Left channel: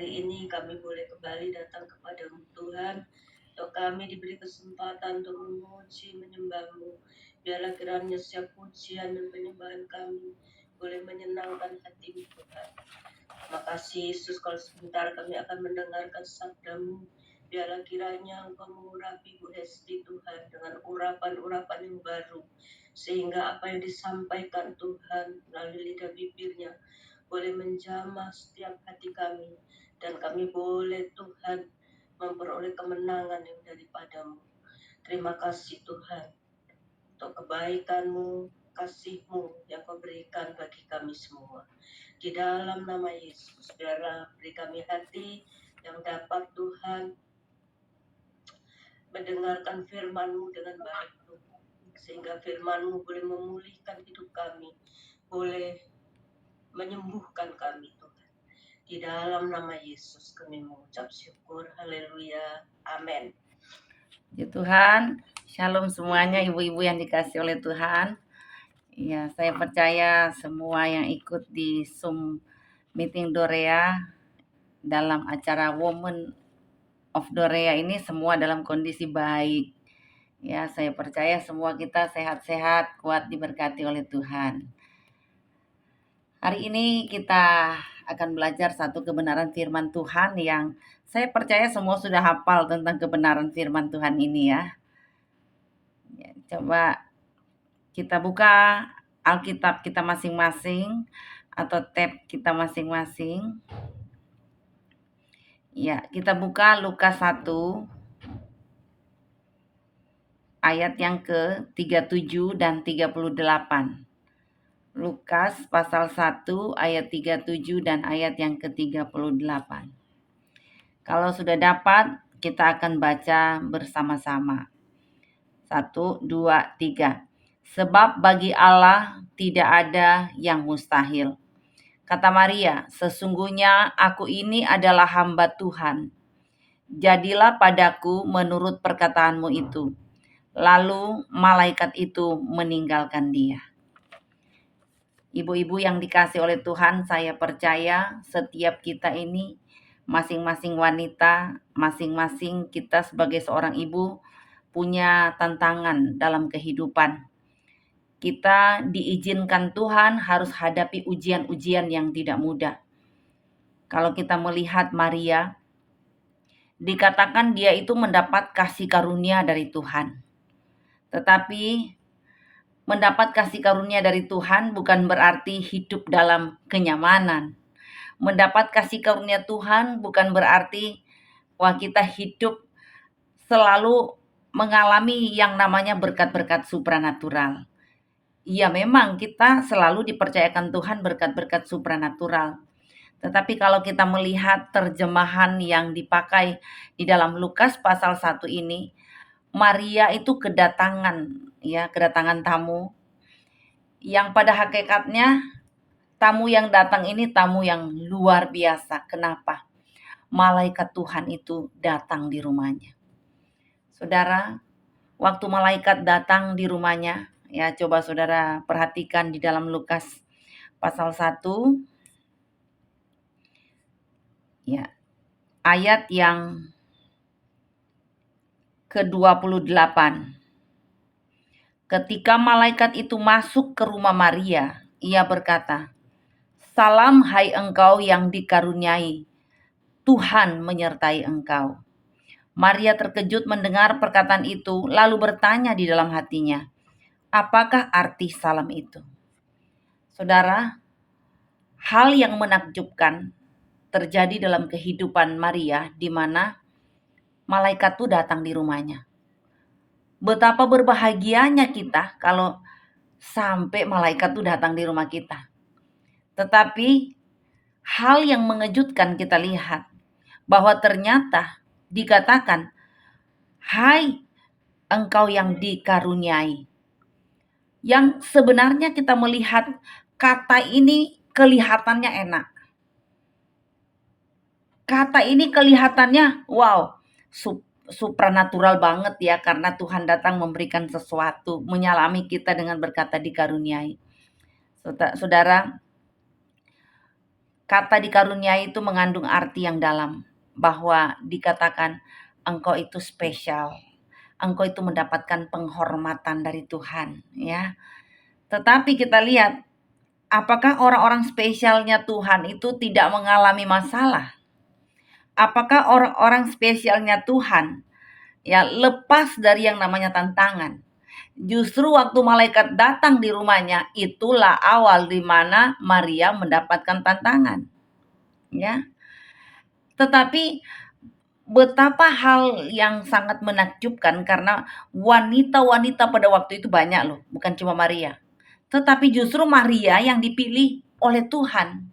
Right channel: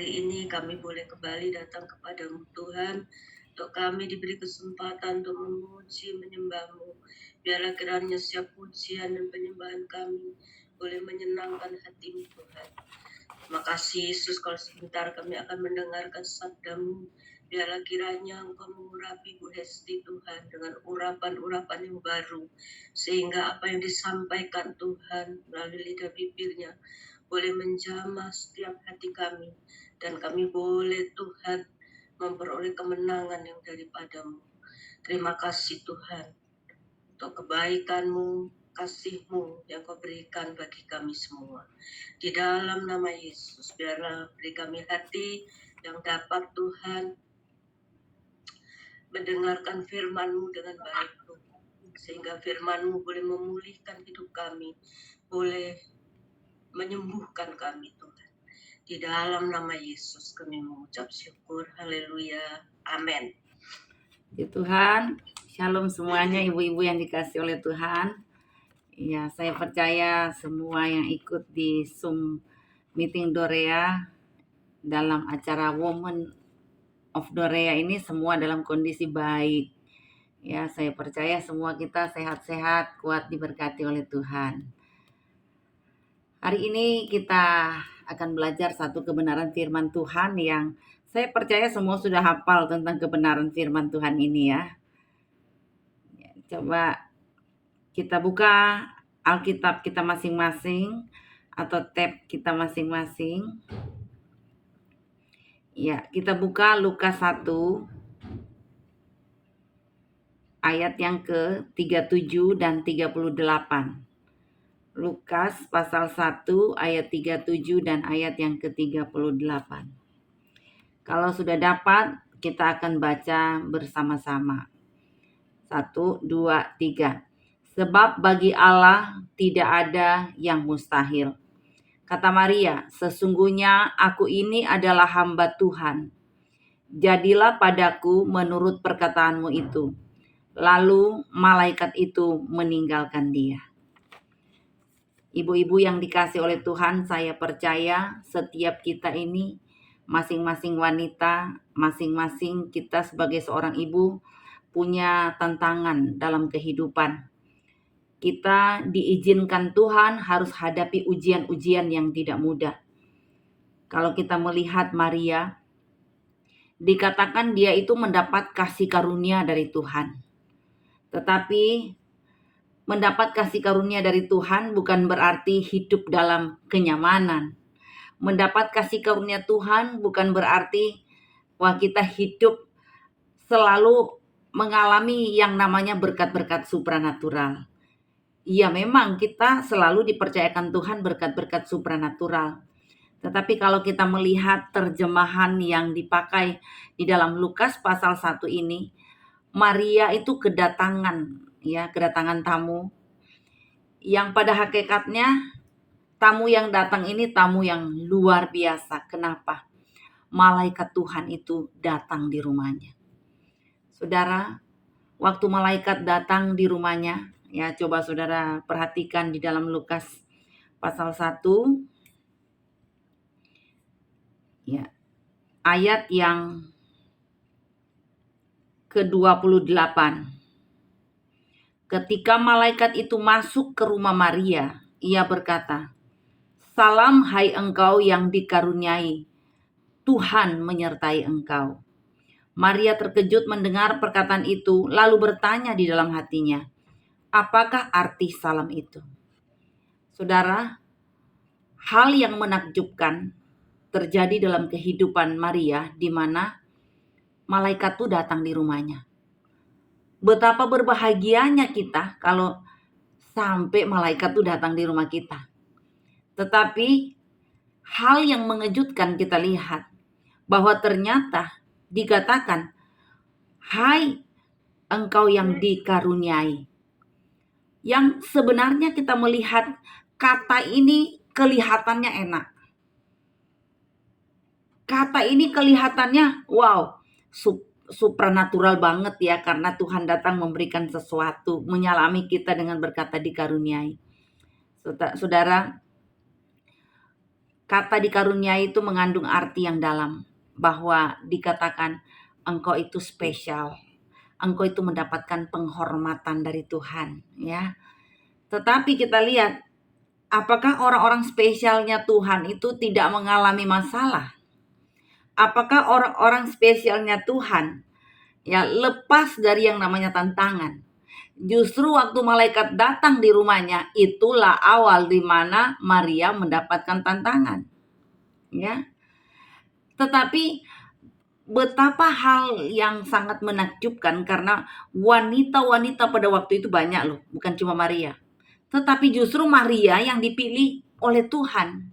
Hari ini kami boleh kembali datang kepadamu Tuhan, untuk kami diberi kesempatan untuk memuji, menyembah-Mu. Biarlah kiranya setiap pujian dan penyembahan kami boleh menyenangkan hati-Mu Tuhan. Terima kasih Yesus, kalau sebentar kami akan mendengarkan sabda-Mu. Biarlah kiranya Engkau mengurapi Bu Hesti Tuhan dengan urapan-urapan yang baru. Sehingga apa yang disampaikan Tuhan melalui lidah bibirnya boleh menjamah setiap hati kami. Dan kami boleh Tuhan memperoleh kemenangan yang daripada-Mu. Terima kasih Tuhan untuk kebaikan-Mu, kasih-Mu yang Kau berikan bagi kami semua. Di dalam nama Yesus, biarlah beri kami hati yang dapat Tuhan mendengarkan firman-Mu dengan baik Tuhan. Sehingga firman-Mu boleh memulihkan hidup kami, boleh menyembuhkan kami Tuhan. Di dalam nama Yesus kami mengucap syukur. Haleluya. Amin. Puji Tuhan, shalom semuanya ibu-ibu yang dikasih oleh Tuhan. Ya, saya percaya semua yang ikut di Zoom meeting Dorea dalam acara Women of Dorea ini semua dalam kondisi baik. Ya, saya percaya semua kita sehat-sehat, kuat diberkati oleh Tuhan. Hari ini kita akan belajar satu kebenaran firman Tuhan yang saya percaya semua sudah hafal tentang kebenaran firman Tuhan ini ya. Coba kita buka Alkitab kita masing-masing atau tab kita masing-masing. Ya, kita buka Lukas 1 ayat yang ke-37 dan 38. Lukas pasal 1 ayat 37 dan ayat yang ke-38. Kalau sudah dapat, kita akan baca bersama-sama. 1, 2, 3. Sebab bagi Allah tidak ada yang mustahil. Kata Maria, sesungguhnya aku ini adalah hamba Tuhan. Jadilah padaku menurut perkataanmu itu. Lalu malaikat itu meninggalkan dia. Ibu-ibu yang dikasih oleh Tuhan, saya percaya setiap kita ini, masing-masing wanita, masing-masing kita sebagai seorang ibu, punya tantangan dalam kehidupan. Kita diizinkan Tuhan harus hadapi ujian-ujian yang tidak mudah. Kalau kita melihat Maria, dikatakan dia itu mendapat kasih karunia dari Tuhan. Tetapi mendapat kasih karunia dari Tuhan bukan berarti hidup dalam kenyamanan. Mendapat kasih karunia Tuhan bukan berarti kita hidup selalu mengalami yang namanya berkat-berkat supranatural. Ya memang kita selalu dipercayakan Tuhan berkat-berkat supranatural. Tetapi kalau kita melihat terjemahan yang dipakai di dalam Lukas pasal 1 ini, Maria itu kedatangan tamu yang pada hakikatnya tamu yang datang ini tamu yang luar biasa. Kenapa? Malaikat Tuhan itu datang di rumahnya. Saudara, waktu malaikat datang di rumahnya, ya coba saudara perhatikan di dalam Lukas pasal 1 ya, ayat yang ke-28. Ketika malaikat itu masuk ke rumah Maria, ia berkata, "Salam hai engkau yang dikaruniai, Tuhan menyertai engkau." Maria terkejut mendengar perkataan itu, lalu bertanya di dalam hatinya, apakah arti salam itu? Saudara, hal yang menakjubkan terjadi dalam kehidupan Maria di mana malaikat itu datang di rumahnya. Betapa berbahagianya kita kalau sampai malaikat itu datang di rumah kita. Tetapi hal yang mengejutkan kita lihat bahwa ternyata dikatakan, "Hai engkau yang dikaruniai." Yang sebenarnya kita melihat kata ini kelihatannya enak. Kata ini kelihatannya wow, supranatural banget ya, karena Tuhan datang memberikan sesuatu, menyalami kita dengan berkata dikaruniai. Saudara, Kata dikaruniai itu mengandung arti yang dalam, bahwa dikatakan engkau itu spesial, engkau itu mendapatkan penghormatan dari Tuhan, ya. Tetapi kita lihat, apakah orang-orang spesialnya Tuhan itu tidak mengalami masalah? Apakah orang-orang spesialnya Tuhan ya lepas dari yang namanya tantangan? Justru waktu malaikat datang di rumahnya, itulah awal di mana Maria mendapatkan tantangan, ya. Tetapi betapa hal yang sangat menakjubkan karena wanita-wanita pada waktu itu banyak loh, bukan cuma Maria. Tetapi justru Maria yang dipilih oleh Tuhan.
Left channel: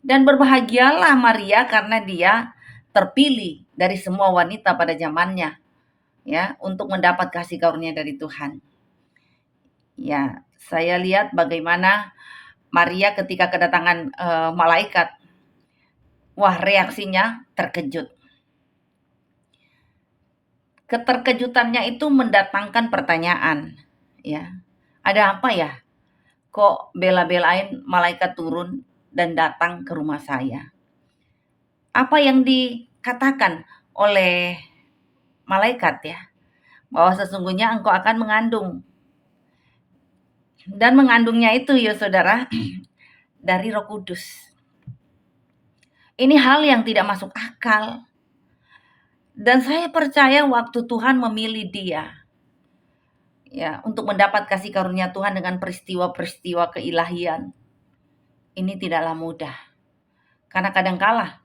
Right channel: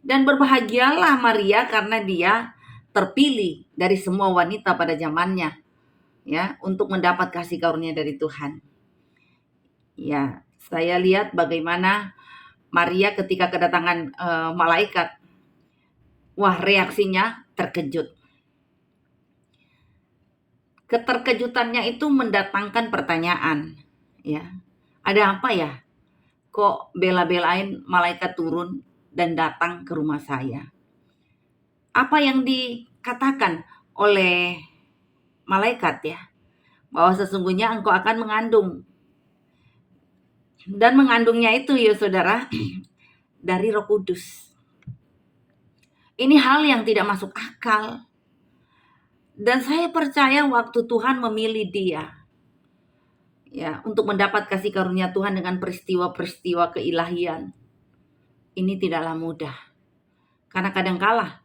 Dan berbahagialah Maria karena dia terpilih dari semua wanita pada zamannya, ya, untuk mendapat kasih karunia dari Tuhan. Ya, saya lihat bagaimana Maria ketika kedatangan malaikat, wah reaksinya terkejut. Keterkejutannya itu mendatangkan pertanyaan, ya. Ada apa ya? Kok bela-belain malaikat turun dan datang ke rumah saya? Apa yang dikatakan oleh malaikat ya? Bahwa sesungguhnya engkau akan mengandung. Dan mengandungnya itu ya saudara, dari Roh Kudus. Ini hal yang tidak masuk akal. Dan saya percaya waktu Tuhan memilih dia, ya, untuk mendapat kasih karunia Tuhan dengan peristiwa-peristiwa keilahian, ini tidaklah mudah. Karena kadangkala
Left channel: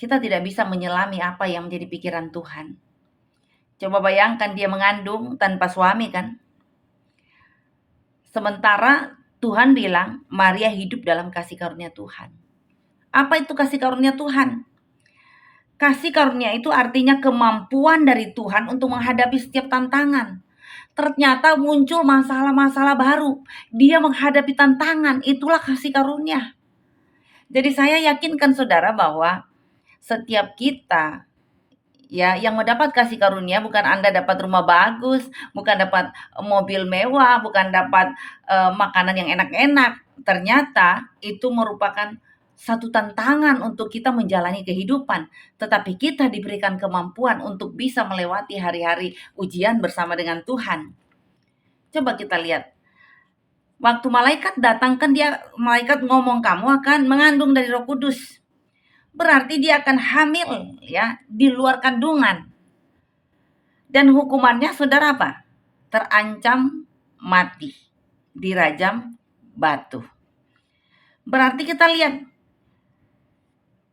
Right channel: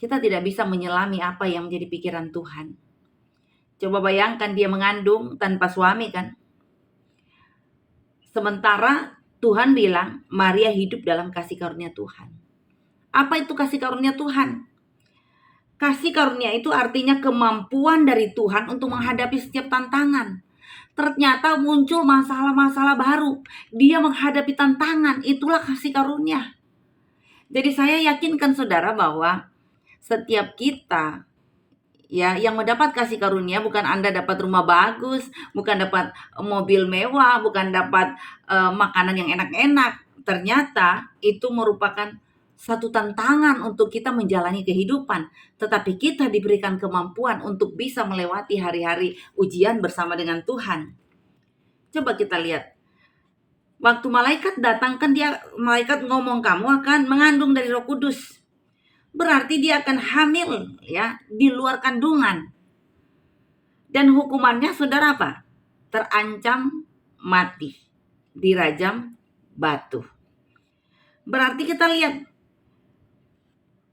kita tidak bisa menyelami apa yang menjadi pikiran Tuhan. Coba bayangkan dia mengandung tanpa suami kan? Sementara Tuhan bilang Maria hidup dalam kasih karunia Tuhan. Apa itu kasih karunia Tuhan? Kasih karunia itu artinya kemampuan dari Tuhan untuk menghadapi setiap tantangan. Ternyata muncul masalah-masalah baru. Dia menghadapi tantangan, itulah kasih karunia. Jadi saya yakinkan saudara bahwa setiap kita ya yang mendapat kasih karunia, bukan Anda dapat rumah bagus, bukan dapat mobil mewah, bukan dapat makanan yang enak-enak. Ternyata itu merupakan satu tantangan untuk kita menjalani kehidupan, tetapi kita diberikan kemampuan untuk bisa melewati hari-hari ujian bersama dengan Tuhan. Coba kita lihat. Waktu malaikat datang kan malaikat ngomong kamu akan mengandung dari Roh Kudus. Berarti dia akan hamil ya di luar kandungan. Dan hukumannya saudara apa? Terancam mati, dirajam batu. Berarti kita lihat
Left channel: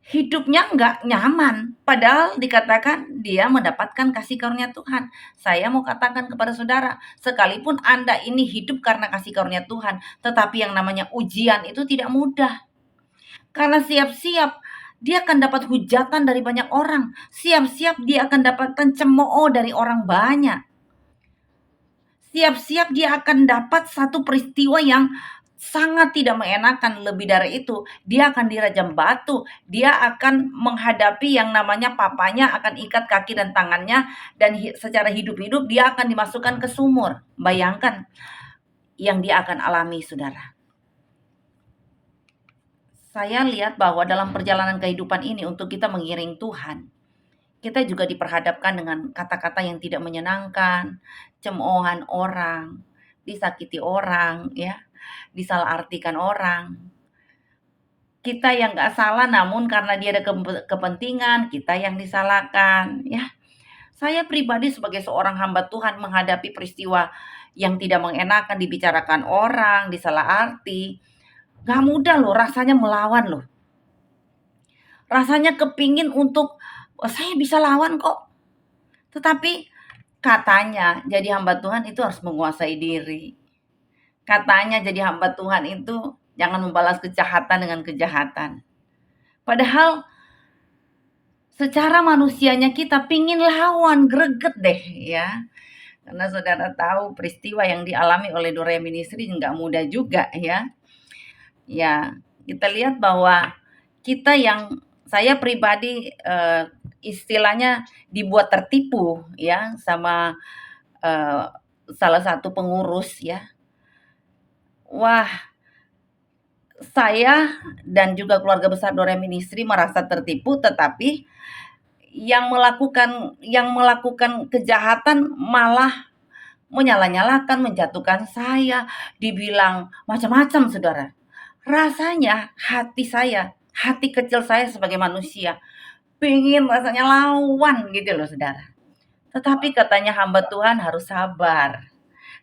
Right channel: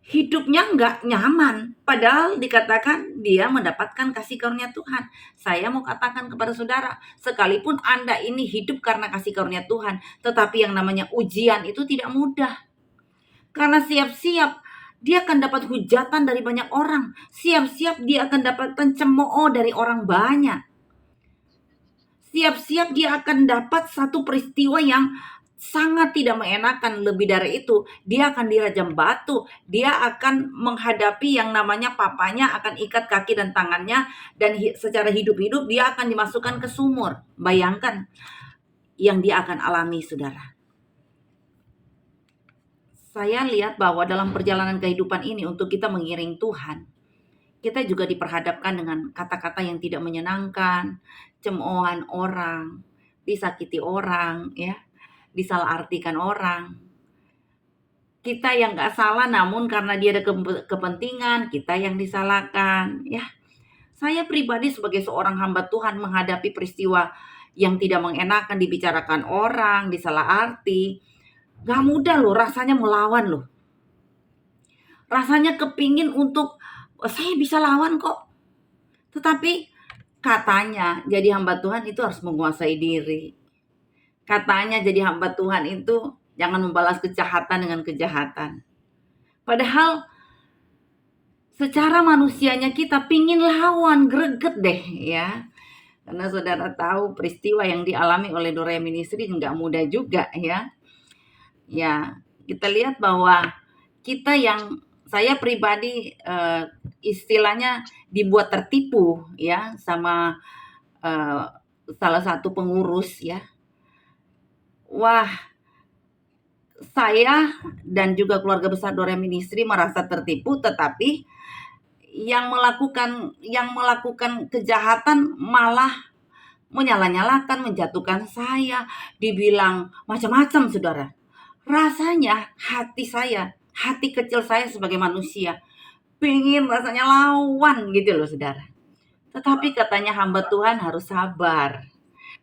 hidupnya nggak nyaman, padahal dikatakan dia mendapatkan kasih karunia Tuhan. Saya mau katakan kepada saudara, sekalipun Anda ini hidup karena kasih karunia Tuhan, tetapi yang namanya ujian itu tidak mudah. Karena siap-siap dia akan dapat hujatan dari banyak orang. Siap-siap dia akan dapatkan cemooh dari orang banyak. Siap-siap dia akan dapat satu peristiwa yang sangat tidak mengenakan. Lebih dari itu, dia akan dirajam batu. Dia akan menghadapi yang namanya papanya akan ikat kaki dan tangannya. Dan secara hidup-hidup dia akan dimasukkan ke sumur. Bayangkan yang dia akan alami, saudara. Saya lihat bahwa dalam perjalanan kehidupan ini untuk kita mengiring Tuhan, kita juga diperhadapkan dengan kata-kata yang tidak menyenangkan, cemoohan orang, disakiti orang, ya, disalahartikan orang. Kita yang nggak salah, namun karena dia ada kepentingan, kita yang disalahkan, ya. Saya pribadi sebagai seorang hamba Tuhan menghadapi peristiwa yang tidak mengenakan, dibicarakan orang, disalaharti. Gak mudah loh, rasanya melawan loh. Rasanya kepingin untuk, oh, saya bisa lawan kok. Tetapi katanya jadi hamba Tuhan itu harus menguasai diri. Katanya jadi hamba Tuhan itu jangan membalas kejahatan dengan kejahatan. Padahal secara manusianya kita pingin lawan, greget deh ya. Karena saudara tahu peristiwa yang dialami oleh Dorea Ministry nggak mudah juga ya. Ya, kita lihat bahwa kita yang saya pribadi istilahnya dibuat tertipu ya sama salah satu pengurus ya. Wah, saya dan juga keluarga besar Dore Ministry merasa tertipu, tetapi yang melakukan kejahatan malah menyalah-nyalahkan, menjatuhkan saya, dibilang macam-macam, Saudara. Rasanya hati kecil saya sebagai manusia, pengen rasanya lawan gitu loh, Saudara. Tetapi katanya hamba Tuhan harus sabar.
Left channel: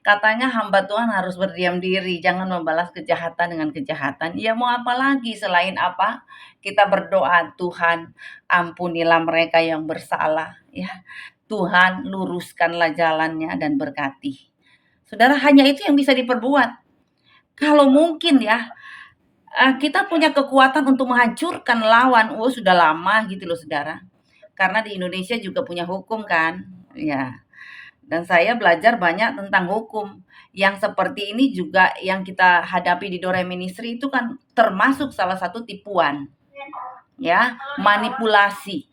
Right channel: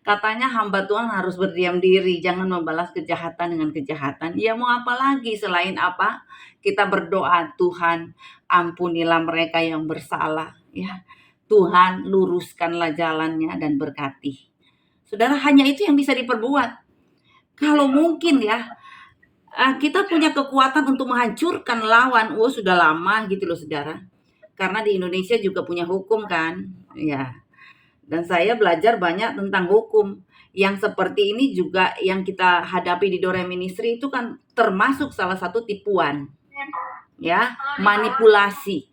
Katanya hamba Tuhan harus berdiam diri, jangan membalas kejahatan dengan kejahatan. Ya mau apa lagi selain apa? Kita berdoa, Tuhan ampunilah mereka yang bersalah. Ya, Tuhan luruskanlah jalannya dan berkati. Saudara, hanya itu yang bisa diperbuat. Kalau mungkin ya, kita punya kekuatan untuk menghancurkan lawan. Oh, sudah lama gitu loh, Saudara. Karena di Indonesia juga punya hukum kan. Ya, dan saya belajar banyak tentang hukum. Yang seperti ini juga yang kita hadapi di Dore Ministry itu kan termasuk salah satu tipuan. Ya, manipulasi.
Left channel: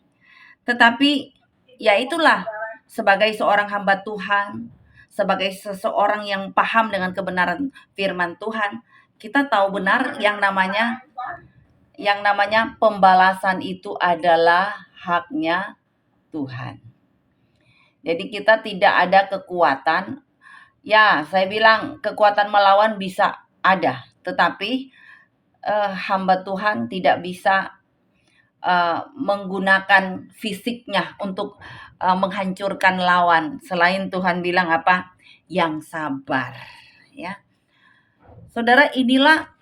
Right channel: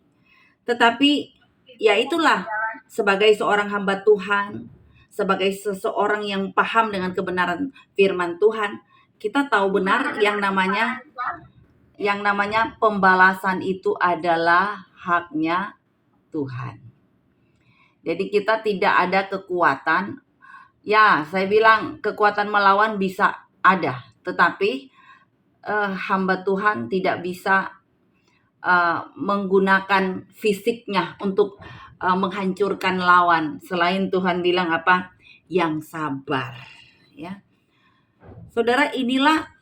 Tetapi ya itulah, sebagai seorang hamba Tuhan, sebagai seseorang yang paham dengan kebenaran firman Tuhan, kita tahu benar yang namanya pembalasan itu adalah haknya Tuhan. Jadi kita tidak ada kekuatan. Ya, saya bilang kekuatan melawan bisa ada, tetapi hamba Tuhan tidak bisa menggunakan fisiknya untuk menghancurkan lawan. Selain Tuhan bilang apa? Yang sabar, ya. Saudara, inilah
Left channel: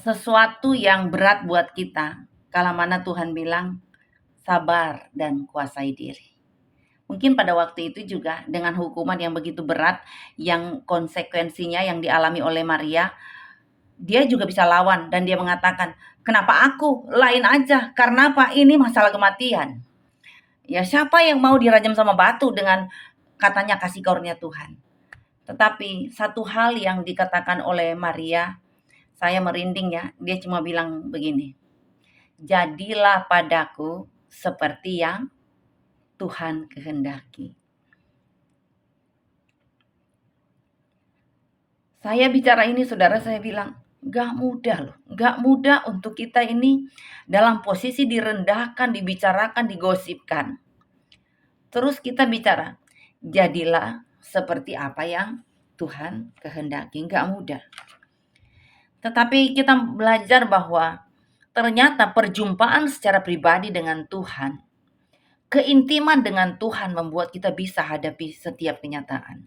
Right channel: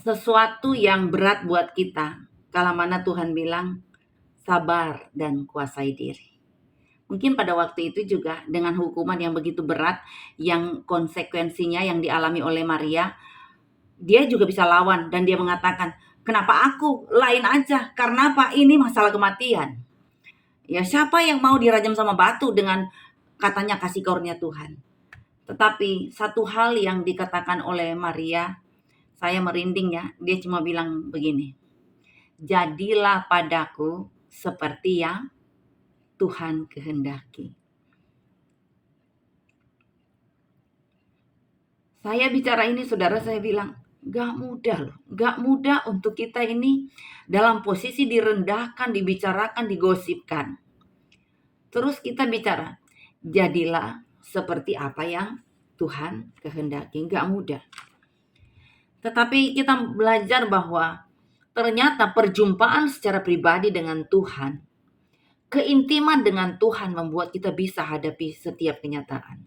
sesuatu yang berat buat kita. Kala mana Tuhan bilang sabar dan kuasai diri. Mungkin pada waktu itu juga dengan hukuman yang begitu berat, yang konsekuensinya yang dialami oleh Maria, dia juga bisa lawan dan dia mengatakan, "Kenapa aku? Lain aja. Karena apa? Ini masalah kematian." Ya, siapa yang mau dirajam sama batu dengan katanya kasih karunia Tuhan? Tetapi satu hal yang dikatakan oleh Maria, saya merinding ya. Dia cuma bilang begini, "Jadilah padaku seperti yang Tuhan kehendaki." Saya bicara ini, Saudara, saya bilang, gak mudah loh. Gak mudah untuk kita ini dalam posisi direndahkan, dibicarakan, digosipkan. Terus kita bicara, jadilah seperti apa yang Tuhan kehendaki. Gak mudah. Tetapi kita belajar bahwa ternyata perjumpaan secara pribadi dengan Tuhan, keintiman dengan Tuhan membuat kita bisa hadapi setiap kenyataan.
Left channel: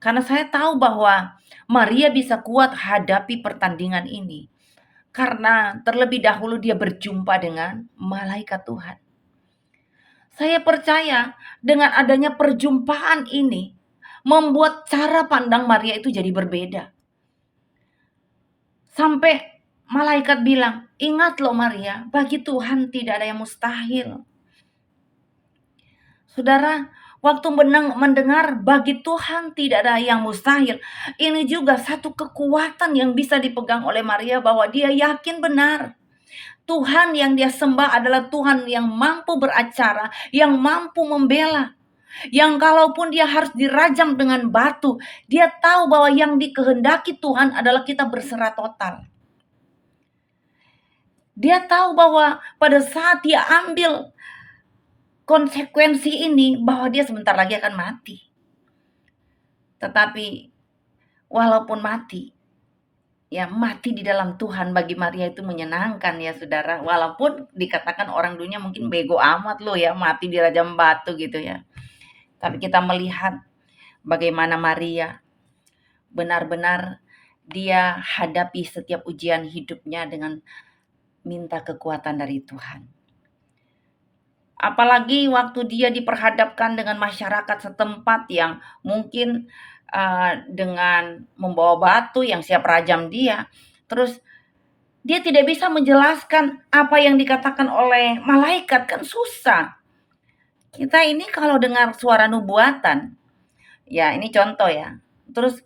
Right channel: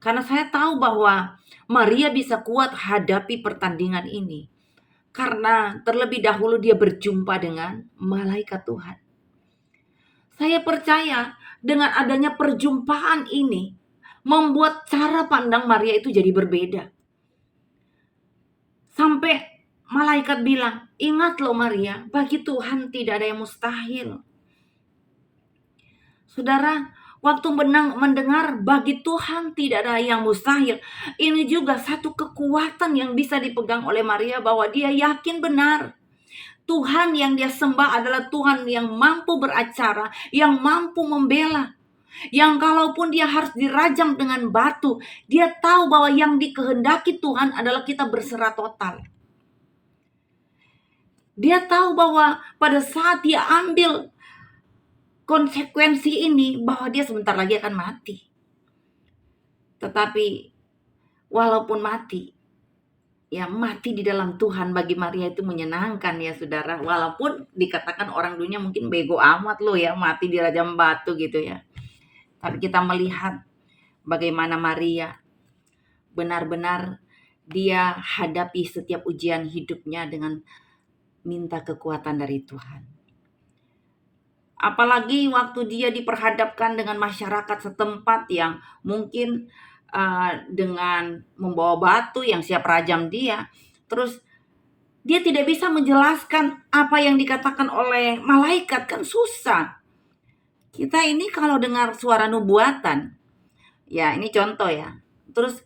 Karena saya tahu bahwa Maria bisa kuat hadapi pertandingan ini. Karena terlebih dahulu dia berjumpa dengan malaikat Tuhan. Saya percaya dengan adanya perjumpaan ini, membuat cara pandang Maria itu jadi berbeda. Sampai malaikat bilang, "Ingat loh Maria, bagi Tuhan tidak ada yang mustahil." Saudara, waktu mendengar bagi Tuhan tidak ada yang mustahil, ini juga satu kekuatan yang bisa dipegang oleh Maria bahwa dia yakin benar. Tuhan yang dia sembah adalah Tuhan yang mampu beracara, yang mampu membela. Yang kalaupun dia harus dirajam dengan batu, dia tahu bahwa yang dikehendaki Tuhan adalah kita berserah total. Dia tahu bahwa pada saat dia ambil konsekuensi ini, bahwa dia sebentar lagi akan mati. Tetapi walaupun mati, ya mati di dalam Tuhan bagi Maria itu menyenangkan ya Saudara. Walaupun dikatakan orang dunia mungkin bego amat loh ya, mati di rajam batu gitu ya. Tapi kita melihat bagaimana Maria benar-benar dia hadapi setiap ujian hidupnya dengan minta kekuatan dari Tuhan. Apalagi waktu dia diperhadapkan dengan masyarakat setempat yang mungkin dengan membawa batu yang siap rajam dia. Terus dia tidak bisa menjelaskan apa yang dikatakan oleh malaikat, kan susah. Kita ini kalau dengar suara nubuatan, ya ini contoh ya. Terus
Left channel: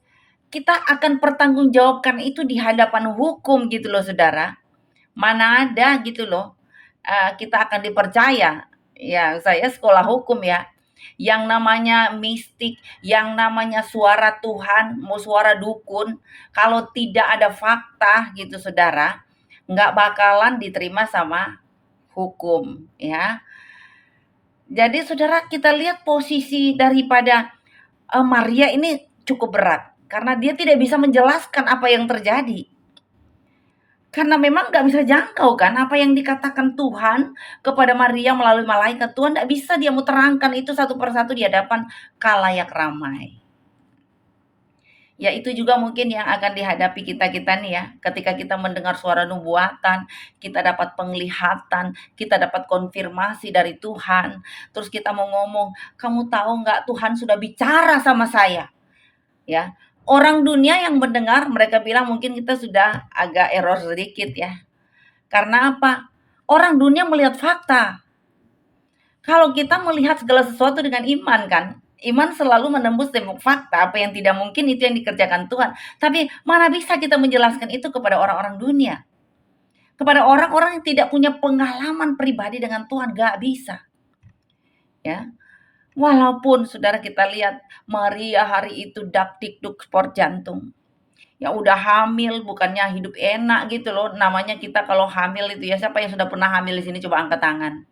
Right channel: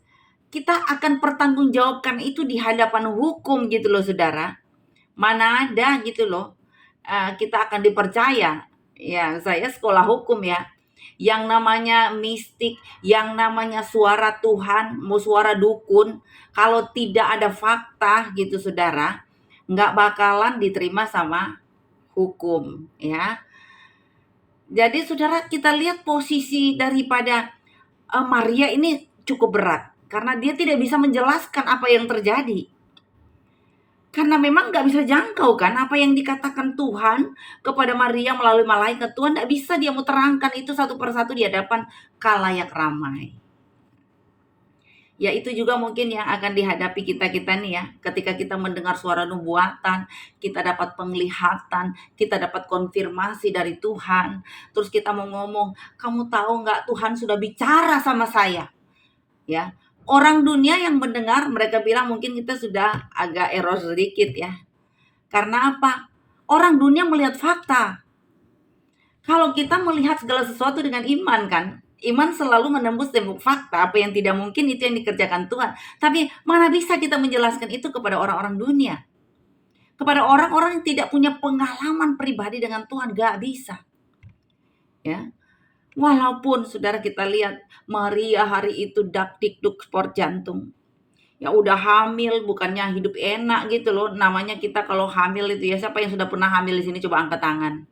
kita akan pertanggungjawabkan itu di hadapan hukum gitu loh Saudara. Mana ada gitu loh, kita akan dipercaya. Ya, saya sekolah hukum ya. yang namanya mistik, yang namanya suara Tuhan, mau suara dukun, kalau tidak ada fakta gitu saudara, nggak bakalan diterima sama hukum ya. Jadi saudara, kita lihat posisi daripada Maria ini cukup berat karena dia tidak bisa menjelaskan apa yang terjadi. Karena memang nggak bisa jangkau kan apa yang dikatakan Tuhan kepada Maria melalui malaikat. Tuhan nggak bisa dia mau terangkan itu satu persatu di hadapan khalayak ramai. Ya itu juga mungkin yang akan dihadapi kita-kita nih ya. Ketika kita mendengar suara nubuatan, kita dapat penglihatan, kita dapat konfirmasi dari Tuhan. Terus kita mau ngomong, kamu tahu nggak Tuhan sudah bicara sama saya. Ya, orang dunia yang mendengar mereka bilang mungkin kita sudah agak error sedikit ya. Karena apa? Orang dunia melihat fakta. Kalau kita melihat segala sesuatu dengan iman kan, iman selalu menembus tembok fakta, apa yang tidak mungkin itu yang dikerjakan Tuhan. Tapi mana bisa kita menjelaskan itu kepada orang-orang dunia? Kepada orang-orang yang tidak punya pengalaman pribadi dengan Tuhan, gak bisa. Ya, walaupun saudara kita lihat Maria hari itu dak-dikduk sport jantung. Ya udah hamil, bukannya hidup enak gitu loh. Namanya kita kalau hamil itu ya, siapa yang sudah pernah hamil di sini coba angkat tangan.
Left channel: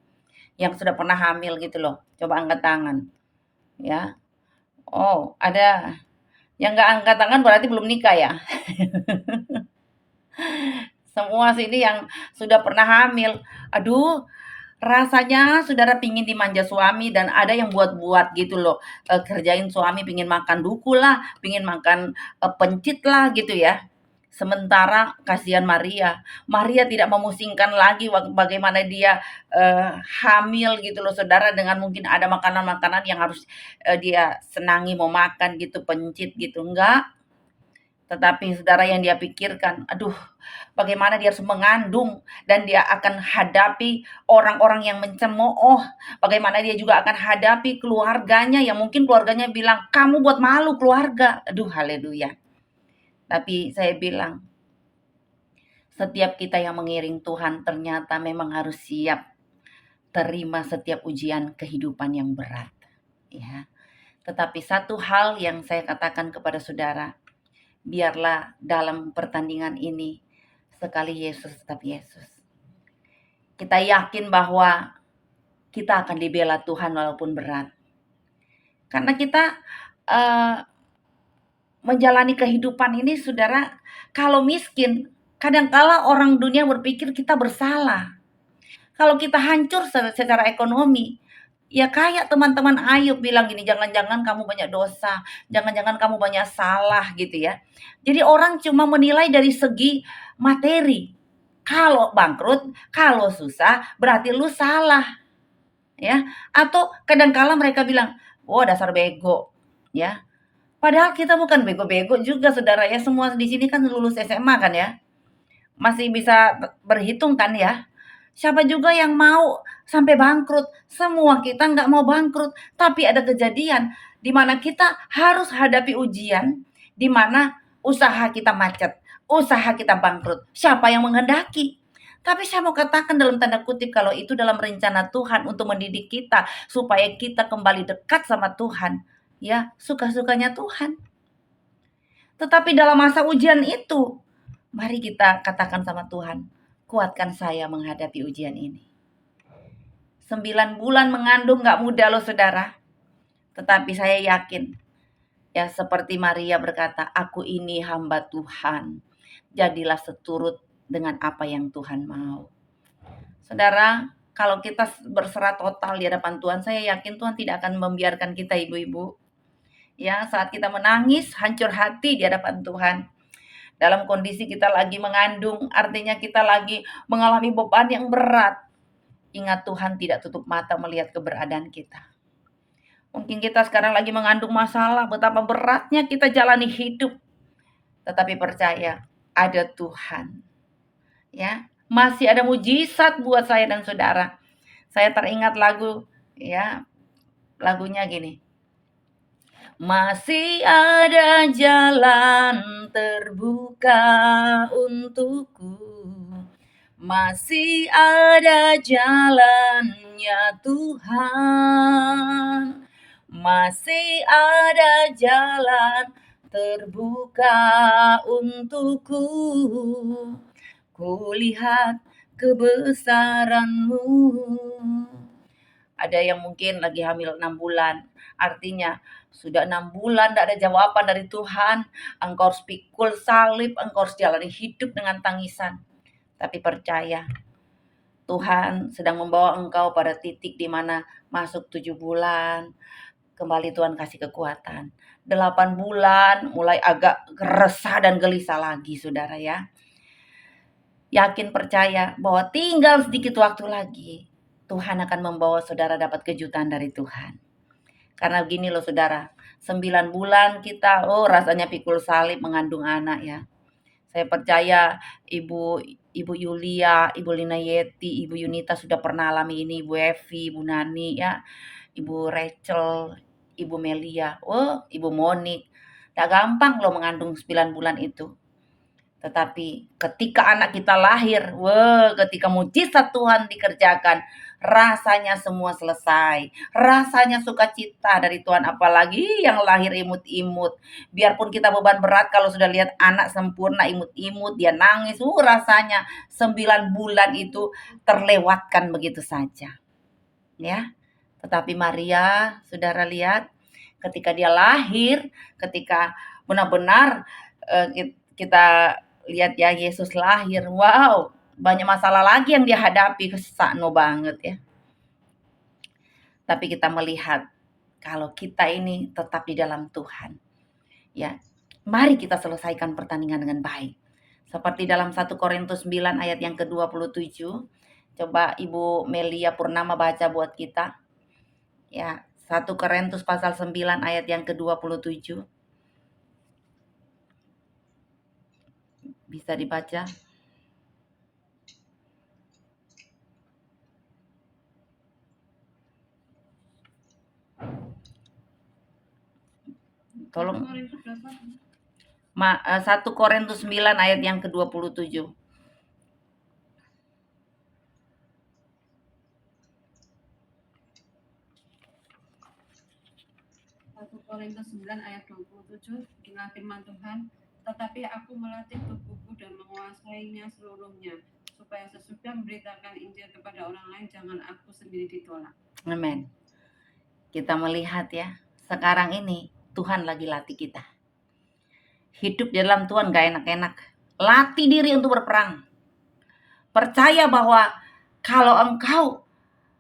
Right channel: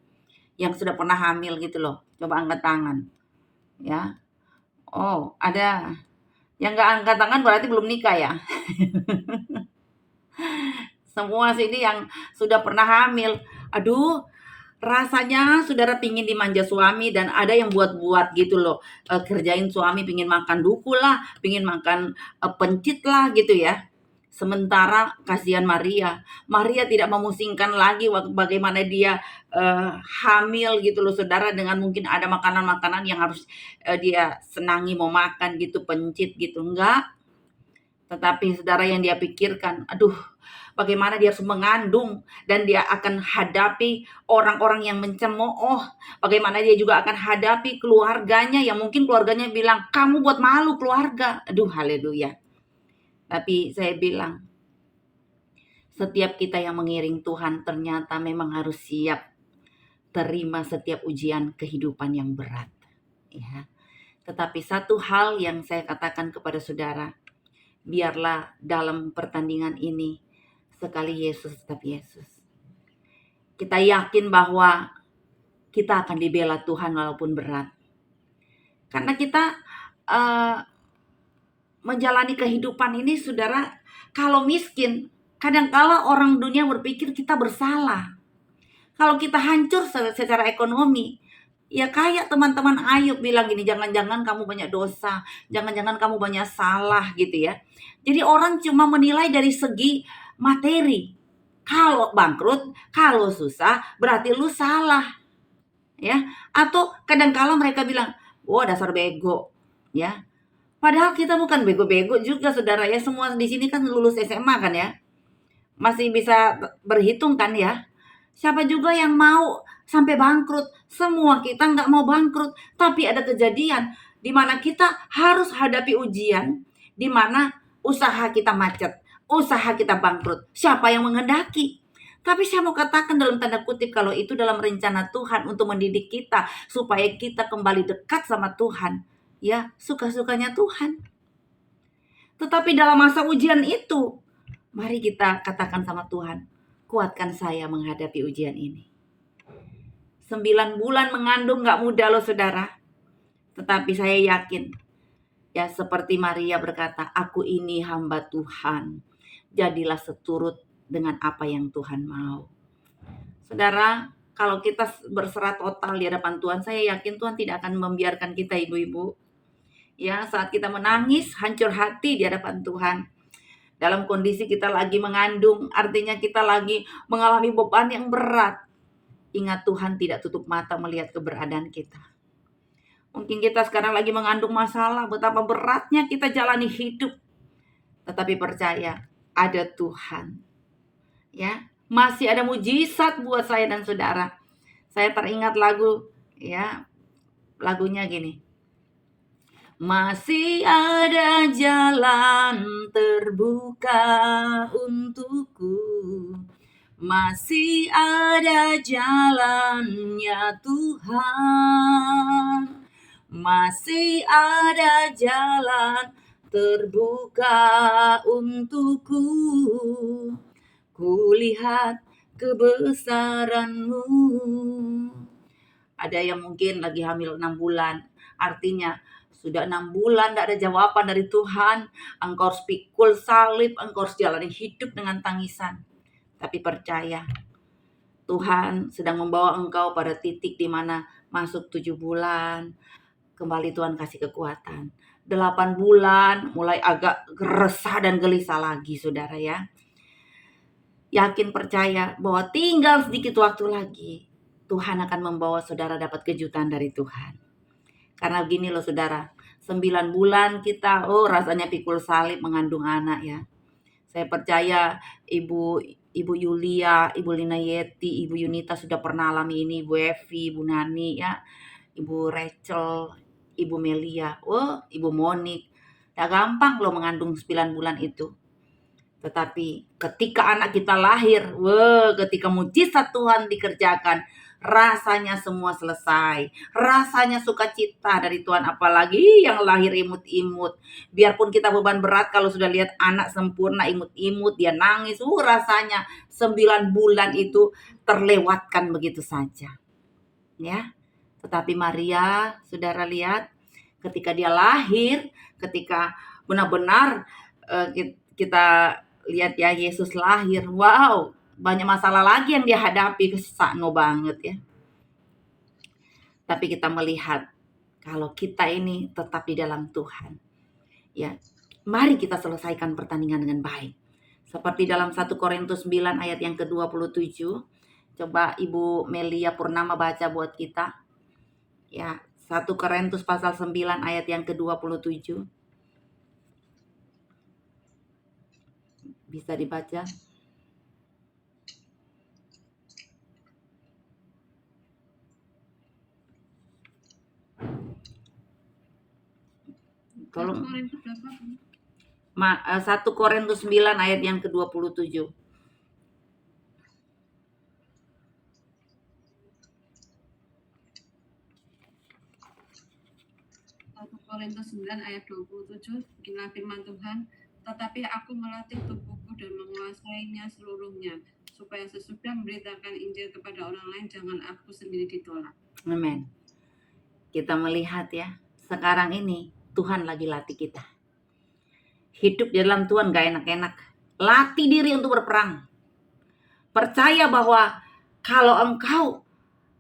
Yang sudah pernah hamil gitu loh, coba angkat tangan. Ya. Oh, ada. Yang nggak angkat tangan berarti belum nikah ya? Semua sini yang sudah pernah hamil. Aduh, rasanya saudara pingin dimanja suami dan ada yang buat-buat gitu loh. Kerjain suami pingin makan duku lah, pingin makan pencit lah gitu ya. Sementara kasihan Maria. Maria tidak memusingkan lagi bagaimana dia hamil gitu loh saudara dengan mungkin ada makanan-makanan yang harus dia senangi mau makan gitu, pencit gitu. Enggak. Tetapi saudara yang dia pikirkan, aduh bagaimana dia harus mengandung dan dia akan hadapi orang-orang yang mencemooh. Bagaimana dia juga akan hadapi keluarganya yang mungkin keluarganya bilang, kamu buat malu keluarga. Aduh haleluya. Tapi saya bilang, setiap kita yang mengiring Tuhan ternyata memang harus siap terima setiap ujian kehidupan yang berat. Ya. Tetapi satu hal yang saya katakan kepada saudara, biarlah dalam pertandingan ini sekali Yesus tetap Yesus. Kita yakin bahwa kita akan dibela Tuhan walaupun berat. Karena kita menjalani kehidupan ini saudara, kalau miskin, kadangkala orang dunia berpikir kita bersalah. Kalau kita hancur secara ekonomi, ya kayak teman-teman Ayub bilang gini, jangan-jangan kamu banyak dosa, jangan-jangan kamu banyak salah gitu ya. Jadi orang cuma menilai dari segi materi. Kalau bangkrut, kalau susah, berarti lu salah. Ya, atau kadangkala mereka bilang, "Wah, dasar bego." Ya. Padahal kita bukan bego-bego juga saudara ya, semua di sini kan lulus SMA kan ya. Masih bisa berhitung kan ya. Siapa juga yang mau sampai bangkrut? Semua kita nggak mau bangkrut, tapi ada kejadian di mana kita harus hadapi ujian, di mana usaha kita macet, usaha kita bangkrut. Siapa yang menghendaki? Tapi saya mau katakan dalam tanda kutip kalau itu dalam rencana Tuhan untuk mendidik kita supaya kita kembali dekat sama Tuhan. Ya, suka-sukanya Tuhan. Tetapi dalam masa ujian itu, mari kita katakan sama Tuhan, kuatkan saya menghadapi ujian ini. 9 bulan mengandung gak mudah loh saudara. Tetapi saya yakin, ya seperti Maria berkata, aku ini hamba Tuhan. Jadilah seturut dengan apa yang Tuhan mau. Saudara, kalau kita berserah total di hadapan Tuhan, saya yakin Tuhan tidak akan membiarkan kita ibu-ibu. Ya, saat kita menangis, hancur hati di hadapan Tuhan. Dalam kondisi kita lagi mengandung, artinya kita lagi mengalami beban yang berat. Ingat Tuhan tidak tutup mata melihat keberadaan kita. Mungkin kita sekarang lagi mengandung masalah, betapa beratnya kita jalani hidup. Tetapi percaya, ada Tuhan. Ya, masih ada mujizat buat saya dan saudara. Saya teringat lagu, ya, lagunya gini. Masih ada jalan terbuka untukku. Masih ada jalan ya Tuhan. masih ada jalan terbuka untukku. Kulihat kebesaran-Mu. Ada yang mungkin lagi hamil 6 bulan, artinya sudah 6 bulan tidak ada jawaban dari Tuhan. Engkau harus pikul salib, engkau harus jalani hidup dengan tangisan. Tapi percaya, Tuhan sedang membawa engkau pada titik di mana masuk 7 bulan, kembali Tuhan kasih kekuatan. 8 bulan mulai agak resah dan gelisah lagi, saudara ya. Yakin percaya bahwa tinggal sedikit waktu lagi, Tuhan akan membawa saudara dapat kejutan dari Tuhan. Karena begini loh saudara, 9 bulan kita, rasanya pikul salib mengandung anak ya. Saya percaya Ibu Yulia, Ibu Lina Yeti, Ibu Yunita sudah pernah alami ini, Ibu Evi, Ibu Nani ya, Ibu Rachel, Ibu Melia, Ibu Monik. Gak gampang loh mengandung 9 bulan itu. Tetapi ketika anak kita lahir, ketika mujizat Tuhan dikerjakan, rasanya semua selesai. Rasanya sukacita dari Tuhan, apalagi yang lahir imut-imut. Biarpun kita beban berat kalau sudah lihat anak sempurna imut-imut, dia nangis, rasanya 9 bulan itu terlewatkan begitu saja. Ya. Tetapi Maria, saudara lihat, ketika dia lahir, ketika benar-benar kita lihat ya Yesus lahir, wow, banyak masalah lagi yang dia hadapi, sakno banget ya. Tapi kita melihat kalau kita ini tetap di dalam Tuhan, ya, mari kita selesaikan pertandingan dengan baik. Seperti dalam 1 Korintus 9 ayat yang ke-27, coba Ibu Melia Purnama baca buat kita. Ya, 1 Korintus pasal 9 ayat yang ke-27. Bisa dibaca? Tolong. 1 Korintus 9 ayat yang ke-27. 1 Korintus 9 ayat 27, beginilah firman Tuhan, tetapi aku melatih tubuhku dan menguasainya seluruhnya, supaya sesudah memberitakan Injil kepada orang lain, jangan aku sendiri ditolak. Amin. Kita melihat ya, sekarang ini Tuhan lagi latih kita. Hidup di dalam Tuhan gak enak-enak. Latih diri untuk berperang. Percaya bahwa kalau engkau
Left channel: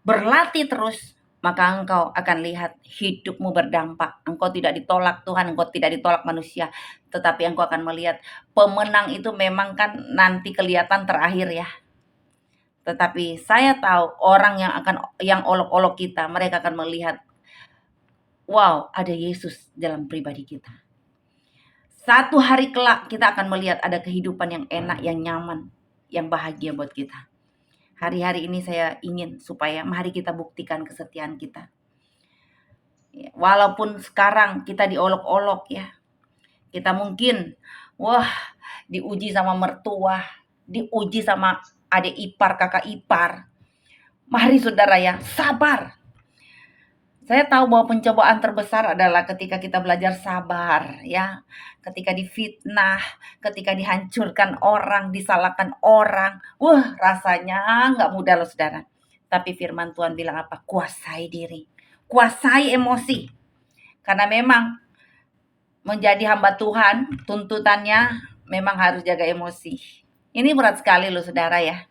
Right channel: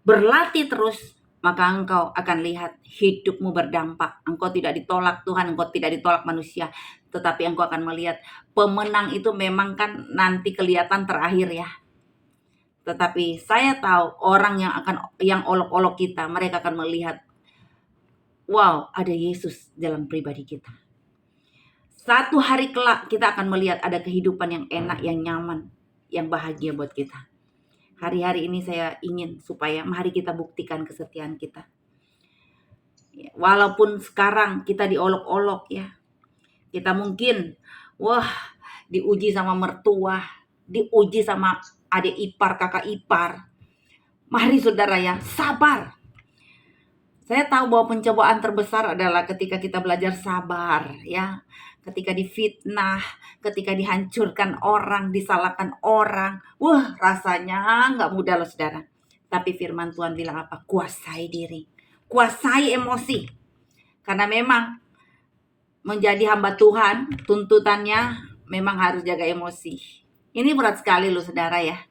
berlatih terus, maka engkau akan lihat hidupmu berdampak. Engkau tidak ditolak Tuhan, engkau tidak ditolak manusia, tetapi engkau akan melihat pemenang itu memang kan nanti kelihatan terakhir ya. Tetapi saya tahu orang yang olok-olok kita, mereka akan melihat, wow, ada Yesus dalam pribadi kita. Satu hari kelak kita akan melihat ada kehidupan yang enak, yang nyaman, yang bahagia buat kita. Hari-hari ini saya ingin supaya mari kita buktikan kesetiaan kita. Walaupun sekarang kita diolok-olok ya. Kita mungkin, diuji sama mertua, diuji sama adik ipar, kakak ipar. Mari saudara ya, sabar. Saya tahu bahwa pencobaan terbesar adalah ketika kita belajar sabar ya. Ketika difitnah, ketika dihancurkan orang, disalahkan orang. Rasanya nggak mudah loh saudara. Tapi firman Tuhan bilang apa? Kuasai diri. Kuasai emosi. Karena memang menjadi hamba Tuhan, tuntutannya memang harus jaga emosi. Ini berat sekali loh saudara ya.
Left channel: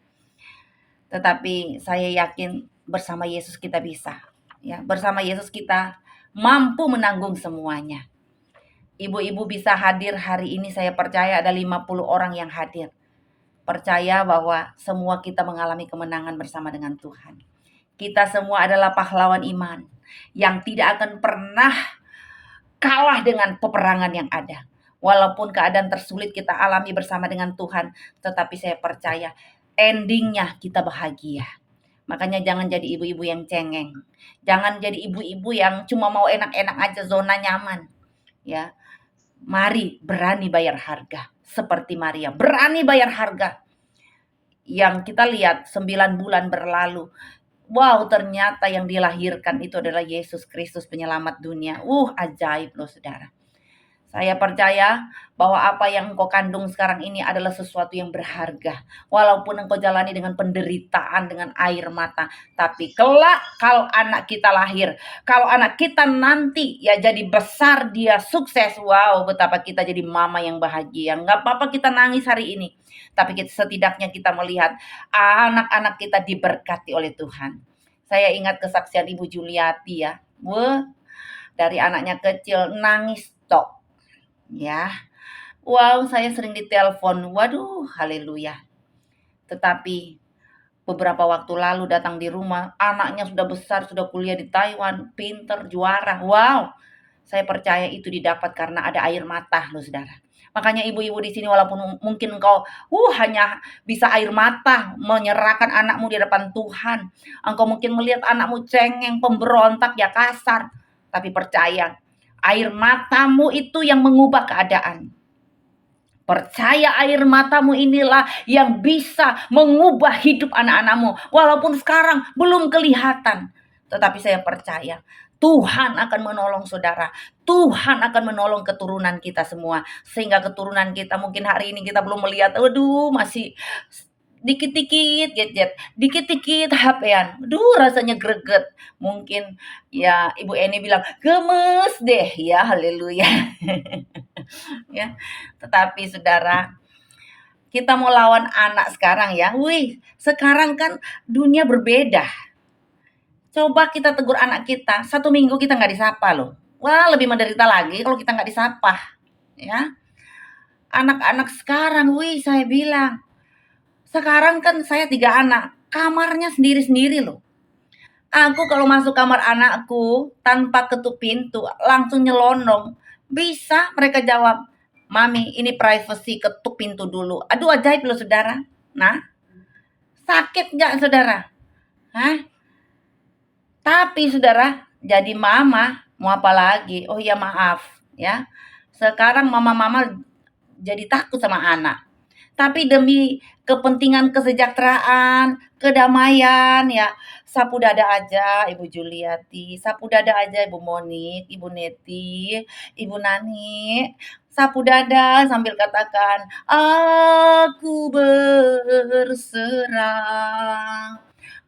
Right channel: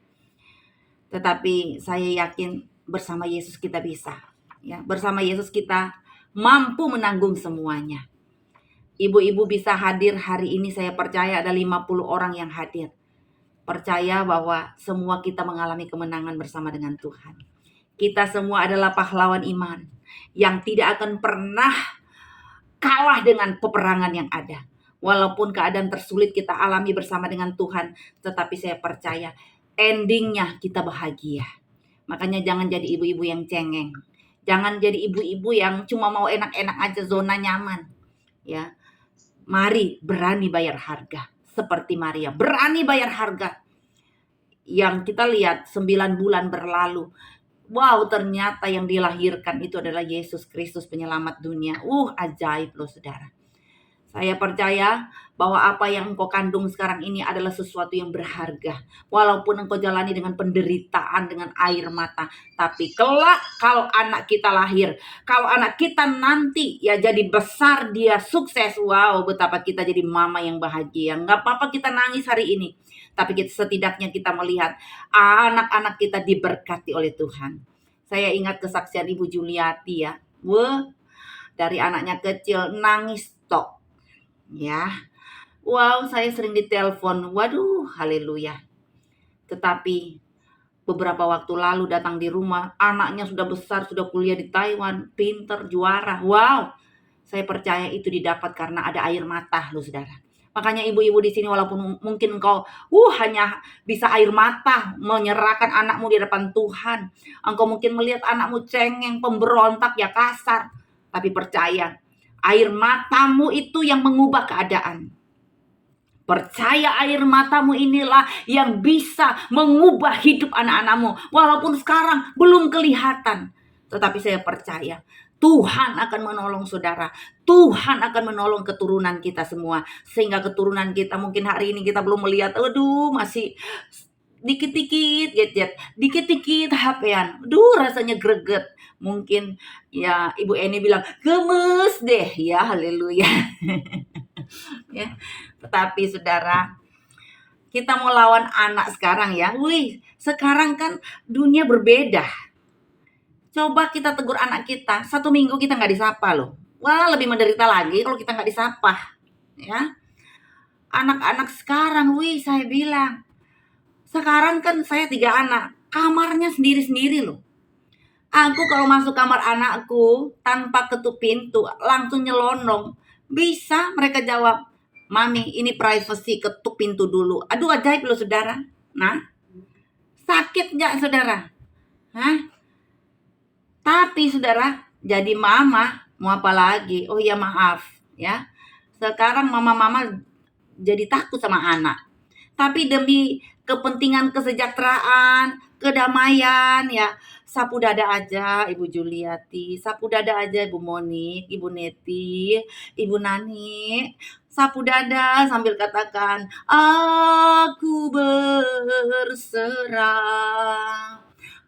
Tetapi saya yakin bersama Yesus kita bisa. Ya, bersama Yesus kita mampu menanggung semuanya. Ibu-ibu bisa hadir hari ini, saya percaya ada 50 orang yang hadir. Percaya bahwa semua kita mengalami kemenangan bersama dengan Tuhan. Kita semua adalah pahlawan iman yang tidak akan pernah kalah dengan peperangan yang ada. Walaupun keadaan tersulit kita alami bersama dengan Tuhan, tetapi saya percaya endingnya kita bahagia. Makanya jangan jadi ibu-ibu yang cengeng. Jangan jadi ibu-ibu yang cuma mau enak-enak aja, zona nyaman. Ya. Mari berani bayar harga. Seperti Maria, berani bayar harga. Yang kita lihat 9 bulan berlalu. Wow, ternyata yang dilahirkan itu adalah Yesus Kristus penyelamat dunia. Ajaib loh saudara. Saya percaya bahwa apa yang engkau kandung sekarang ini adalah sesuatu yang berharga. Walaupun engkau jalani dengan penderitaan, dengan air mata. Tapi kelak kalau anak kita lahir, kalau anak kita nanti ya jadi besar, dia sukses. Wow, betapa kita jadi mama yang bahagia. Nggak apa-apa kita nangis hari ini. Tapi setidaknya kita melihat anak-anak kita diberkati oleh Tuhan. Saya ingat kesaksian Ibu Juliati ya. Dari anaknya kecil nangis tok. Ya, wow, saya sering ditelepon. Waduh, haleluya. Tetapi beberapa waktu lalu datang di rumah, anaknya sudah besar, sudah kuliah di Taiwan, pinter, juara. Wow, saya percaya itu didapat karena ada air mata loh saudara. Makanya ibu-ibu di sini walaupun mungkin engkau hanya bisa air mata menyerahkan anakmu di hadapan Tuhan. Engkau mungkin melihat anakmu cengeng, pemberontak, ya kasar. Tapi percaya, air matamu itu yang mengubah keadaan. Percaya air matamu inilah yang bisa mengubah hidup anak-anakmu. Walaupun sekarang belum kelihatan. Tetapi saya percaya Tuhan akan menolong saudara. Tuhan akan menolong keturunan kita semua. Sehingga keturunan kita mungkin hari ini kita belum melihat. Aduh, masih dikit-dikit gadget, dikit-dikit HP-an. Aduh, rasanya greget. Mungkin ya Ibu Eni bilang gemes deh ya, haleluya. Ya, tetapi saudara, kita mau lawan anak sekarang ya. Sekarang kan dunia berbeda. Coba kita tegur anak kita, 1 minggu kita nggak disapa loh. Wah, lebih menderita lagi kalau kita nggak disapa. Ya, anak-anak sekarang, saya bilang, sekarang kan saya 3 anak, kamarnya sendiri-sendiri loh. Aku kalau masuk kamar anakku tanpa ketuk pintu, langsung nyelonong. Bisa mereka jawab, Mami, ini privacy, ketuk pintu dulu. Aduh, ajaib loh saudara. Nah, sakit nggak saudara? Hah? Tapi saudara, jadi mama, mau apa lagi? Oh ya maaf ya. Sekarang mama-mama jadi takut sama anak. Tapi demi kepentingan kesejahteraan, kedamaian ya, sapu dada aja Ibu Juliati, sapu dada aja Ibu Monik, Ibu Neti, Ibu Nani. Sapu dada sambil katakan, aku berserah.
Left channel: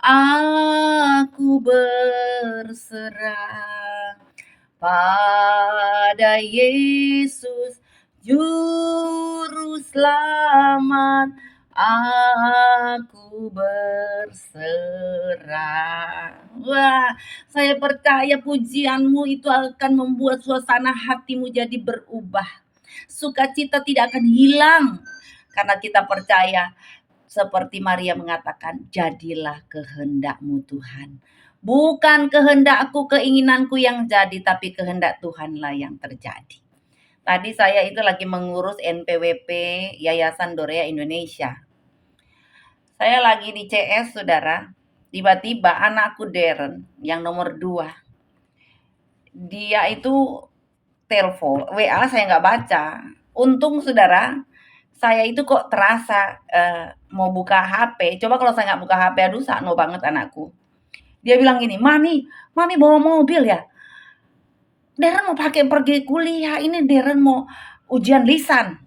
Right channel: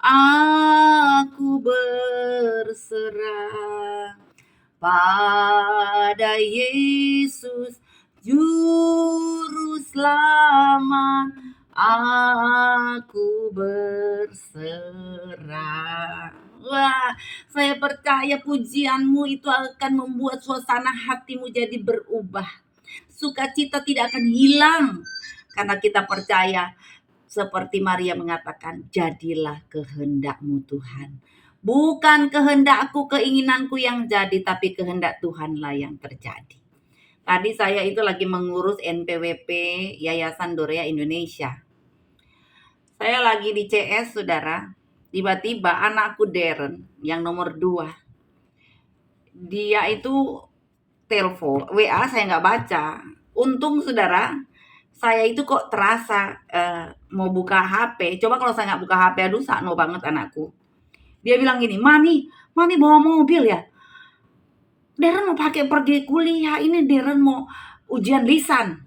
Aku berserah pada Yesus Juru Selamat. Aku berserah. Wah, saya percaya pujianmu itu akan membuat suasana hatimu jadi berubah. Sukacita tidak akan hilang karena kita percaya seperti Maria mengatakan, jadilah kehendakmu Tuhan. Bukan kehendakku, keinginanku yang jadi, tapi kehendak Tuhanlah yang terjadi. Tadi saya itu lagi mengurus NPWP Yayasan Dorea Indonesia. Saya lagi di CS, saudara. Tiba-tiba anakku Darren, yang nomor 2. Dia itu telepon, WA saya nggak baca. Untung saudara, saya itu kok terasa mau buka HP. Coba kalau saya nggak buka HP, aduh sakno banget anakku. Dia bilang gini, Mami bawa mobil ya? Darren mau pakai pergi kuliah, ini Darren mau ujian lisan.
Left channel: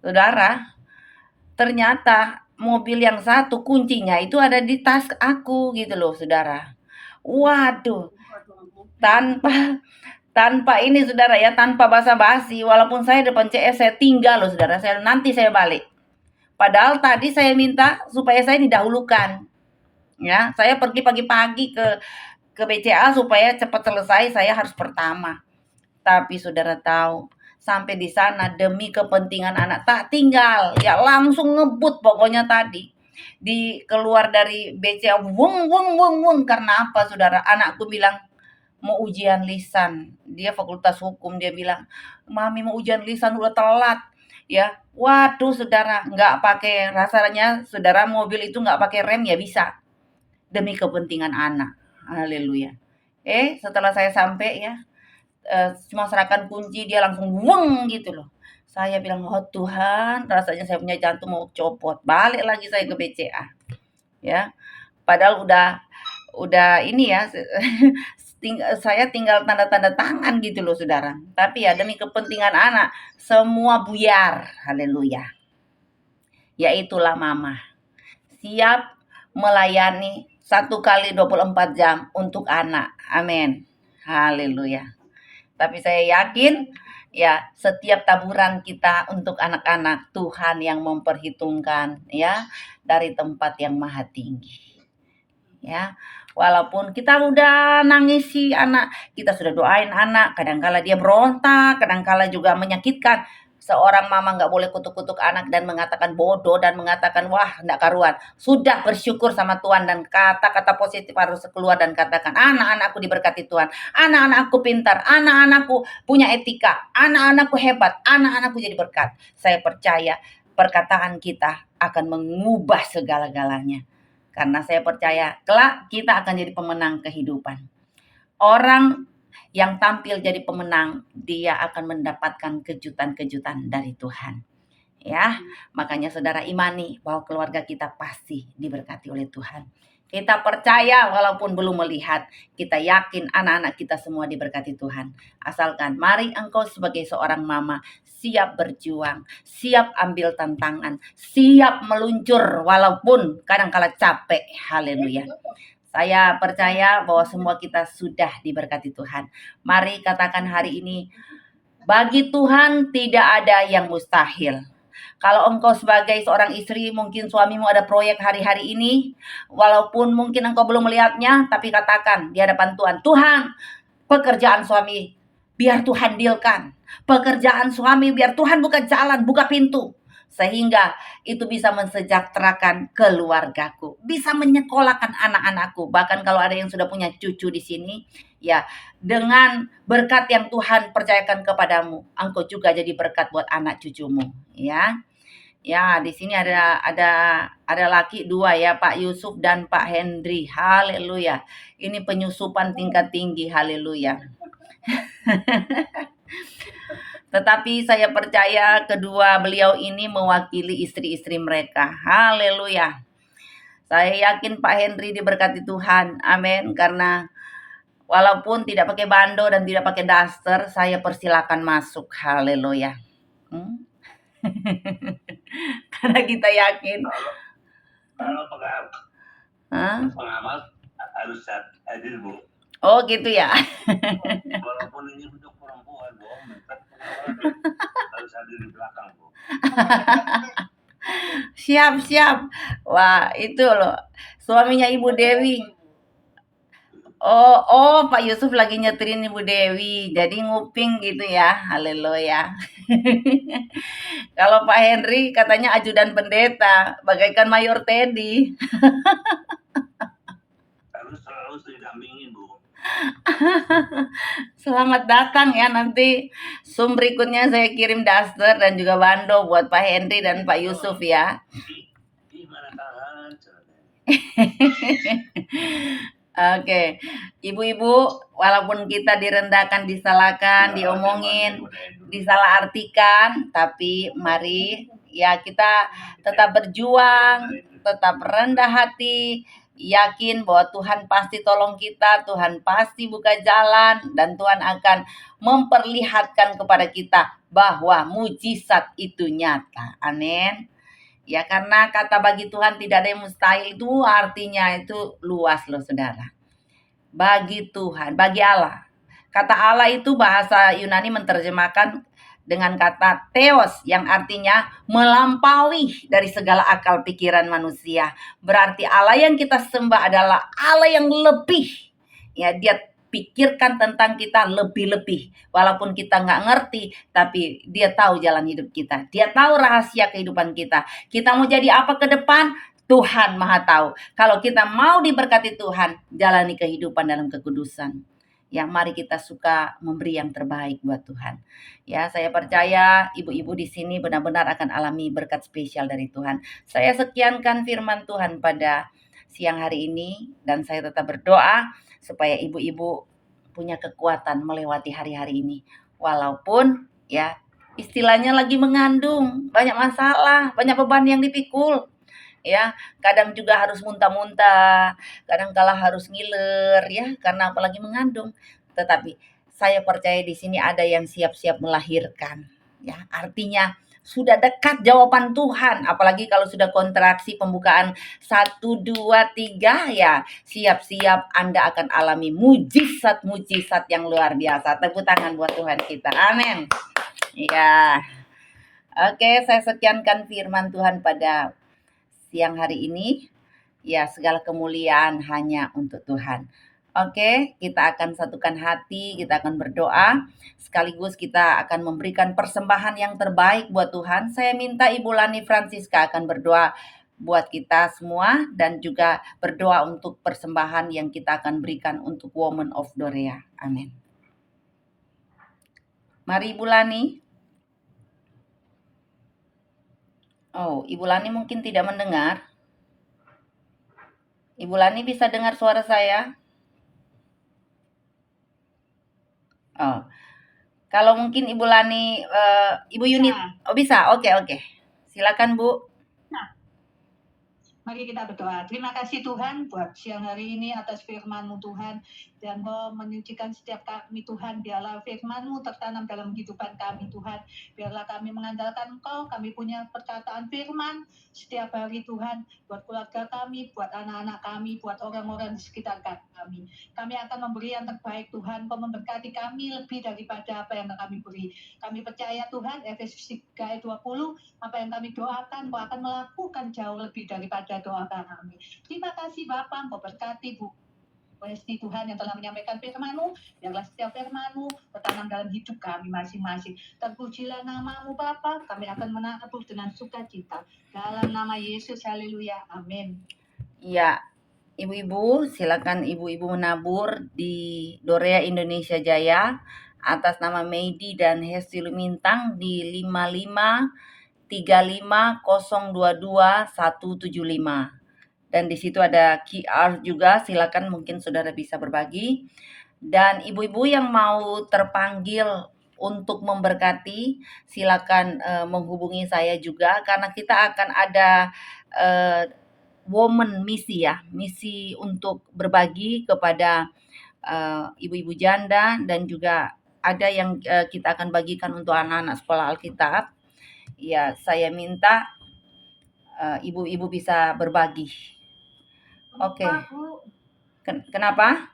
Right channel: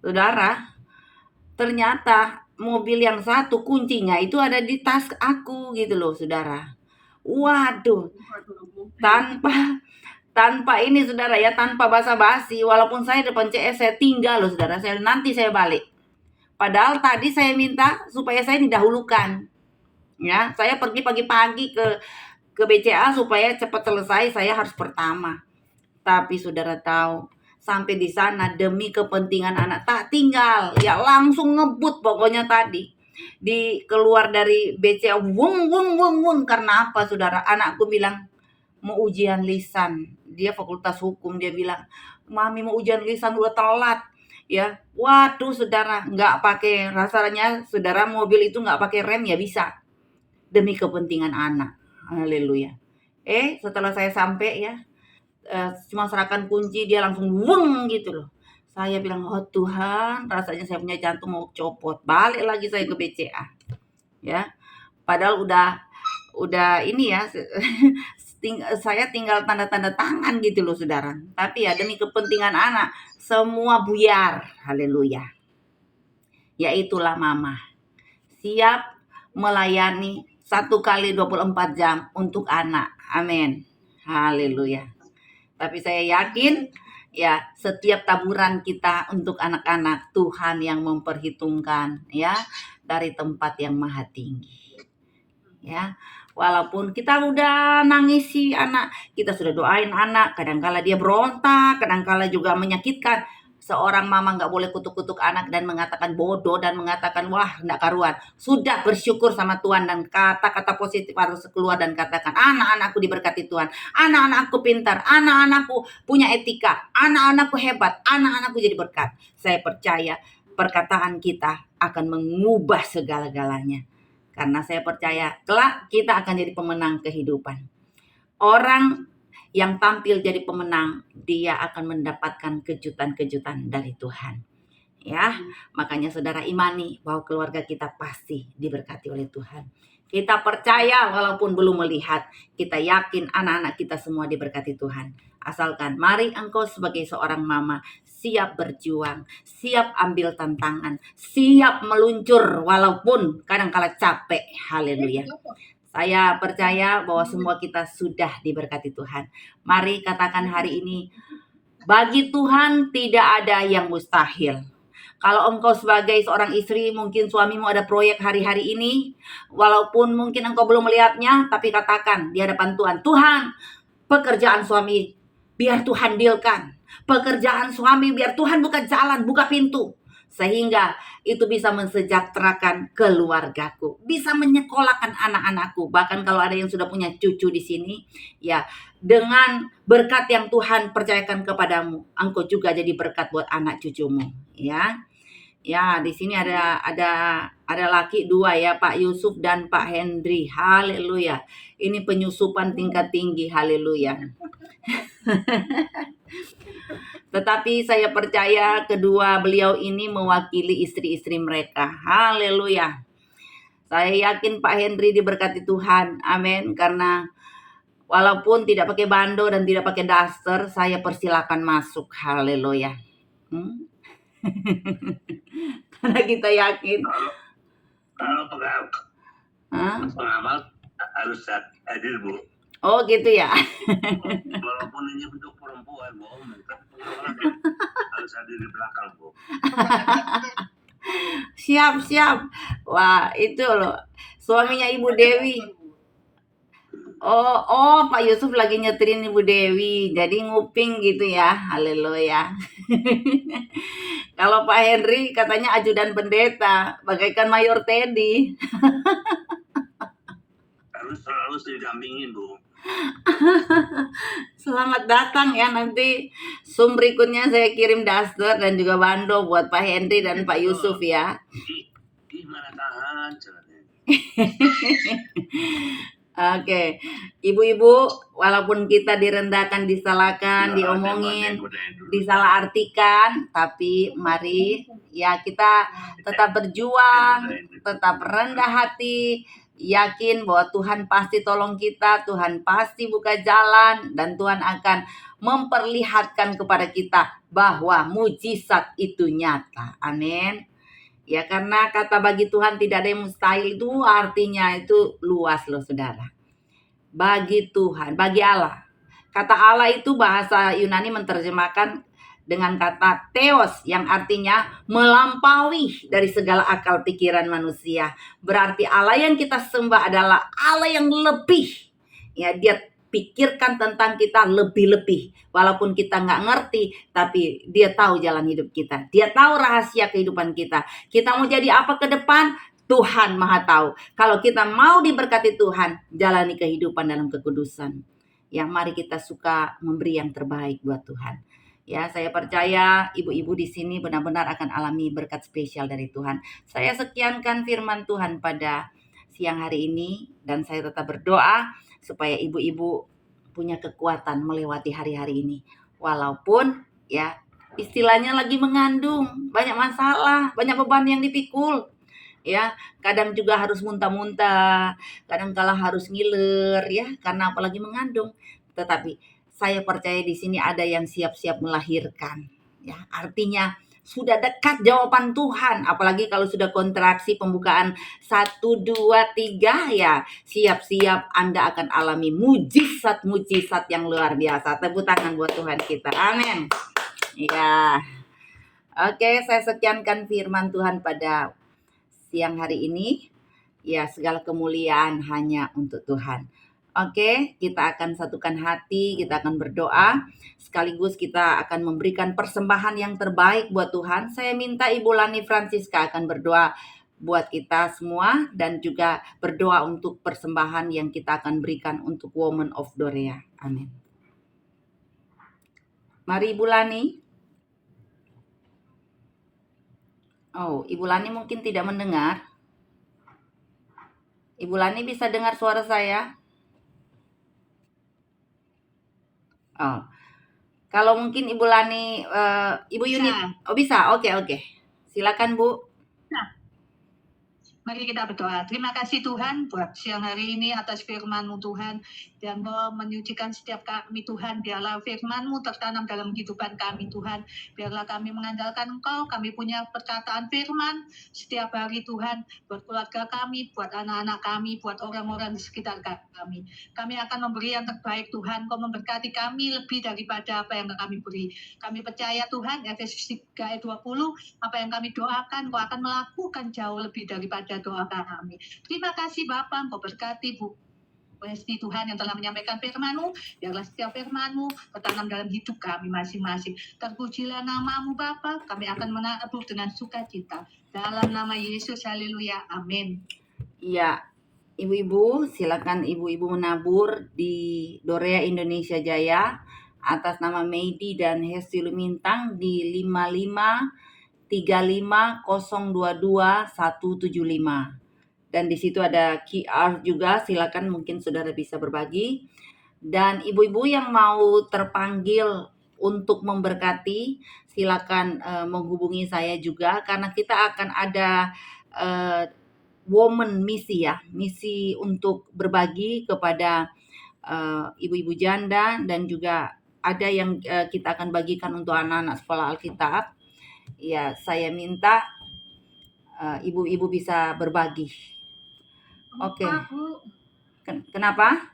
Saudara, ternyata mobil yang satu kuncinya itu ada di tas aku gitu loh saudara. Waduh, tanpa ini saudara ya, tanpa basa-basi, walaupun saya depan CS saya tinggal loh saudara, nanti saya balik. Padahal tadi saya minta supaya saya didahulukan. Ya, saya pergi pagi-pagi ke BCA supaya cepat selesai, saya harus pertama. Tapi saudara tahu, sampai di sana demi kepentingan anak tak tinggal, ya langsung ngebut pokoknya tadi. Keluar dari BCA, wung, karena apa saudara? Anakku bilang, mau ujian lisan. Dia fakultas hukum, dia bilang, Mami mau ujian lisan udah telat. Ya, waduh saudara, nggak pakai, rasanya saudara mobil itu nggak pakai rem ya bisa. Demi kepentingan anak. Haleluya. Setelah saya sampai ya, cuma serahkan kunci, dia langsung weng gitu loh. Saya bilang, oh Tuhan, rasanya saya punya jantung mau copot. Balik lagi saya ke BCA. Ya, padahal udah ini ya, saya tinggal tanda-tanda tangan gitu loh saudara. Tapi ya demi kepentingan anak, semua buyar. Haleluya. Yaitulah mama. Siap melayani 1 kali 24 jam untuk anak. Amin. Haleluya. Tapi saya yakin ya setiap taburan kita untuk anak-anak Tuhan yang memperhitungkan ya dari tempat yang maha tinggi. Ya, walaupun kita udah nangisi anak, kita sudah doain anak, kadangkala dia berontak, kadangkala juga menyakitkan. Seorang mama nggak boleh kutuk-kutuk anak dan mengatakan bodoh dan mengatakan wah nggak karuan. Sudah bersyukur sama Tuhan dan kata-kata positif harus keluar dan katakan anak-anakku diberkati Tuhan, anak-anakku pintar, anak-anakku punya etika, anak-anakku hebat, anak-anakku jadi berkat. Saya percaya perkataan kita akan mengubah segala-galanya. Karena saya percaya kelak kita akan jadi pemenang kehidupan. Orang yang tampil jadi pemenang, dia akan mendapatkan kejutan-kejutan dari Tuhan. Ya, makanya saudara imani bahwa keluarga kita pasti diberkati oleh Tuhan. Kita percaya walaupun belum melihat, kita yakin anak-anak kita semua diberkati Tuhan. Asalkan mari engkau sebagai seorang mama siap berjuang, siap ambil tantangan, siap meluncur walaupun kadang-kala capek. Haleluya. Saya percaya bahwa semua kita sudah diberkati Tuhan. Mari katakan hari ini, bagi Tuhan tidak ada yang mustahil. Kalau engkau sebagai seorang istri, mungkin suamimu ada proyek hari-hari ini, walaupun mungkin engkau belum melihatnya, tapi katakan di hadapan Tuhan, Tuhan, pekerjaan suami biar Tuhan dealkan. Pekerjaan suami biar Tuhan buka jalan, buka pintu. Sehingga itu bisa mensejahterakan keluargaku, bisa menyekolahkan anak-anakku. Bahkan kalau ada yang sudah punya cucu di sini, ya dengan berkat yang Tuhan percayakan kepadamu, engkau juga jadi berkat buat anak cucumu, ya. Ya, di sini ada laki 2 ya, Pak Yusuf dan Pak Hendri. Haleluya. Ini penyusupan tingkat tinggi. Haleluya. Tetapi saya percaya kedua beliau ini mewakili istri-istri mereka. Haleluya. Saya yakin Pak Hendri diberkati Tuhan. Amin. Karena walaupun tidak pakai bando dan tidak pakai daster, saya persilakan masuk. Haleluya. Karena kita yakin. Kalau pengamal harus hadir, Bu. Oh gitu ya. Walaupun ini untuk perempuan, Bu, harus hadir di belakang, Bu. Siap. Wah, itu loh. Suaminya Ibu Dewi. Oh, Pak Yusuf lagi nyeterin Ibu Dewi. Jadi nguping gitu ya. Haleluya. Kalau Pak Henry katanya ajudan pendeta, bagaikan Mayor Teddy. Harus didampingin, Bu. Selamat datang ya, nanti Zoom berikutnya saya kirim daster dan juga bando buat Pak Henry dan Pak Yusuf ya. Gimana tahan? Oke, ibu-ibu, walaupun kita direndahkan, disalahkan, diomongin, disalahartikan, tapi mari ya kita tetap berjuang, tetap rendah hati, yakin bahwa Tuhan pasti tolong kita, Tuhan pasti buka jalan, dan Tuhan akan memperlihatkan kepada kita bahwa mujizat itu nyata. Amin. Ya, karena kata bagi Tuhan tidak ada yang mustahil itu artinya itu luas loh saudara. Bagi Tuhan, bagi Allah. Kata Allah itu bahasa Yunani menerjemahkan dengan kata theos yang artinya melampaui dari segala akal pikiran manusia. Berarti Allah yang kita sembah adalah Allah yang lebih. Ya, dia pikirkan tentang kita lebih-lebih. Walaupun kita nggak ngerti, tapi dia tahu jalan hidup kita. Dia tahu rahasia kehidupan kita. Kita mau jadi apa ke depan? Tuhan Maha tahu. Kalau kita mau diberkati Tuhan, jalani kehidupan dalam kekudusan. Yang mari kita suka memberi yang terbaik buat Tuhan. Ya, saya percaya ibu-ibu di sini benar-benar akan alami berkat spesial dari Tuhan. Saya sekiankan firman Tuhan pada siang hari ini dan saya tetap berdoa supaya ibu-ibu punya kekuatan melewati hari-hari ini. Walaupun ya istilahnya lagi mengandung, banyak masalah, banyak beban yang dipikul. ya. Kadang juga harus muntah-muntah, kadang kala harus ngiler ya, karena apalagi mengandung. Tetapi saya percaya di sini ada yang siap-siap melahirkan, ya. Artinya sudah dekat jawaban Tuhan, apalagi kalau sudah kontraksi pembukaan 1, 2, 3 ya, siap-siap Anda akan alami mujizat-mujizat yang luar biasa. Tepuk tangan buat Tuhan kita. Amin. Ya. Oke, saya sekiankan firman Tuhan pada siang hari ini. Ya, segala kemuliaan hanya untuk Tuhan. Oke, kita akan satukan hati, kita akan berdoa, sekaligus kita akan memberikan persembahan yang terbaik buat Tuhan. Saya minta Ibu Lani Francisca akan berdoa buat kita semua dan juga berdoa untuk persembahan yang kita akan berikan untuk Women of Dorea. Amin. Mari Ibu Lani. Oh, Ibu Lani mungkin tidak mendengar. Ibu Lani bisa dengar suara saya? Oh, kalau mungkin Ibu Lani, Ibu Yunit, oh bisa, oke. Silakan Bu. Mari kita berdoa. Terima kasih Tuhan buat siang hari ini atas firman-Mu Tuhan. Dan menyucikan setiap kami Tuhan. Biarlah firman-Mu tertanam dalam kehidupan kami Tuhan. Biarlah kami mengandalkan Engkau. Kami punya perkataan firman setiap hari Tuhan. Buat keluarga kami, buat anak-anak kami, buat orang-orang di sekitar kami. Kami akan memberi yang terbaik Tuhan. Kau memberkati kami lebih daripada apa yang kami beri. Kami percaya Tuhan, Efesus 3 ayat 20, apa yang kami doakan, Kau akan melakukan jauh lebih daripada doa kami. Terima kasih Bapa, Engkau berkati Bu Westi Tuhan yang telah menyampaikan firman-Mu. Biarlah setiap firman-Mu tertanam dalam hidup kami masing-masing. Terpujilah nama-Mu Bapa, kami akan menabur dengan sukacita. Dalam nama Yesus, haleluya, amin. Ya, ibu-ibu silakan ibu-ibu menabur di Dorea Indonesia Jaya atas nama Meidi dan Hesti Lumintang di 5535022175. Dan di situ ada QR juga, silakan mungkin saudara bisa berbagi. Dan ibu-ibu yang mau terpanggil untuk memberkati, silakan menghubungi saya juga karena kita akan ada woman misi ya, misi untuk berbagi kepada ibu-ibu janda dan juga ada yang kita akan bagikan untuk anak-anak sekolah Alkitab. Ya, saya minta ibu-ibu bisa berbagi. Oke. Kenapa?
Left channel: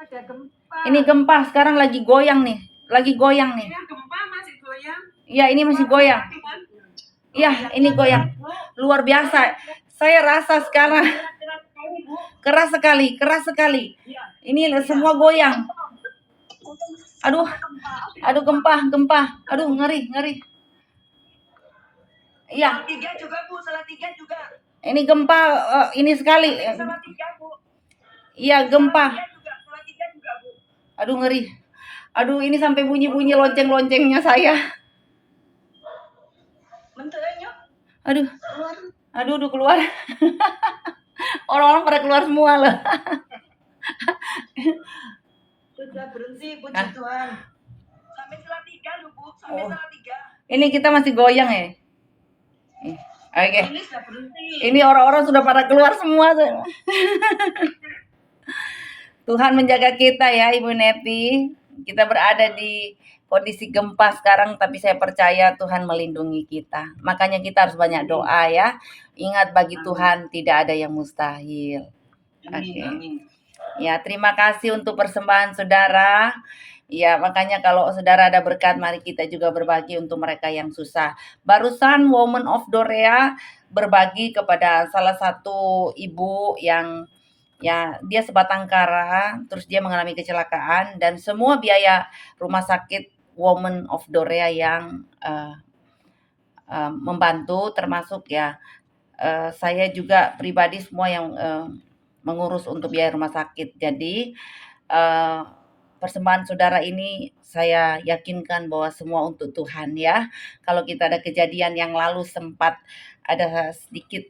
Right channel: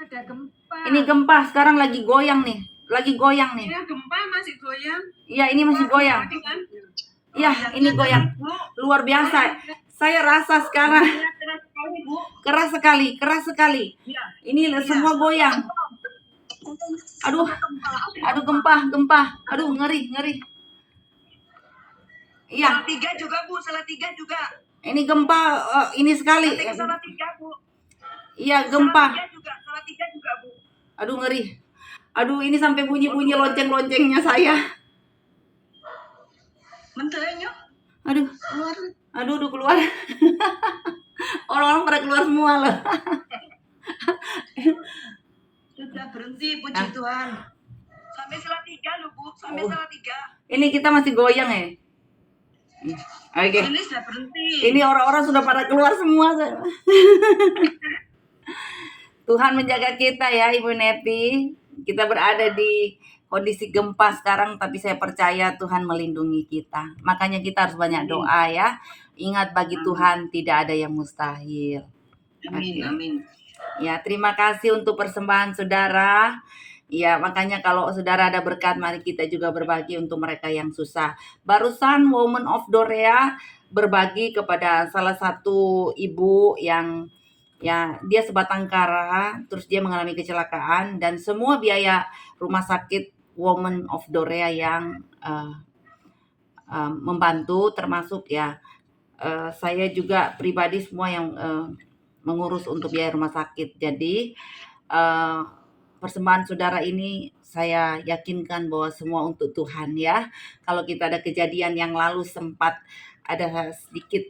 Ada gempa. Ini gempa sekarang lagi goyang nih. Iya, gempa masih goyang. Iya, ini masih goyang. Iya, ini goyang. Luar biasa. Saya rasa sekarang keras sekali. Ini semua goyang. Aduh gempa. Aduh ngeri. Iya. Salah tiga juga. Ini gempa ini sekali. Salah tiga, Bu. Iya, gempa. Salah tiga juga, Bu. Aduh ngeri. Aduh ini sampai bunyi-bunyi lonceng-loncengnya saya. Menternya. Aduh keluar. Orang-orang pada keluar semua loh. Sudah berhenti, puji Tuhan. Sampai salah tiga loh, Bu. Salah tiga. Ini kita masih goyang ya. Oke. Ini sudah berhenti. Ini orang-orang sudah pada keluar semua. Tuhan menjaga kita ya Ibu Neti. Kita berada di kondisi gempa sekarang, tapi saya percaya Tuhan melindungi kita. Makanya kita harus banyak doa ya. Ingat bagi Tuhan tidak ada yang mustahil. Amin. Ya, terima kasih untuk persembahan saudara. Ya, makanya kalau saudara ada berkat, mari kita juga berbagi untuk mereka yang susah. Barusan Women of Dorea berbagi kepada salah satu ibu yang ya dia sebatang kara, terus dia mengalami kecelakaan dan semua biaya rumah sakit Women of Dorea yang membantu, termasuk ya saya juga pribadi semua yang mengurus untuk biaya rumah sakit. Jadi persembahan saudara ini saya yakinkan bahwa semua untuk Tuhan ya. Kalau kita ada kejadian yang lalu sempat ada sedikit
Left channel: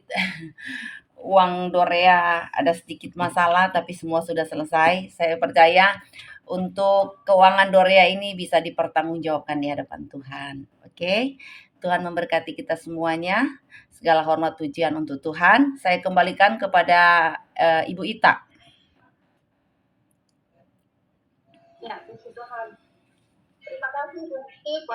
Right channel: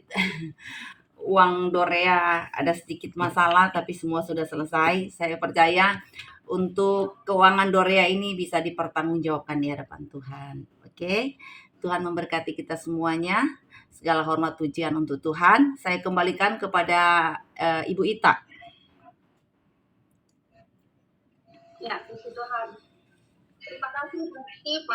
uang Dorea, ada sedikit masalah, tapi semua sudah selesai. Saya percaya untuk keuangan Dorea ini bisa dipertanggungjawabkan di hadapan Tuhan. Oke. Tuhan memberkati kita semuanya. Segala hormat pujian untuk Tuhan. Saya kembalikan kepada Ibu Ita. Ya, puji Tuhan. Terima kasih Bu Niti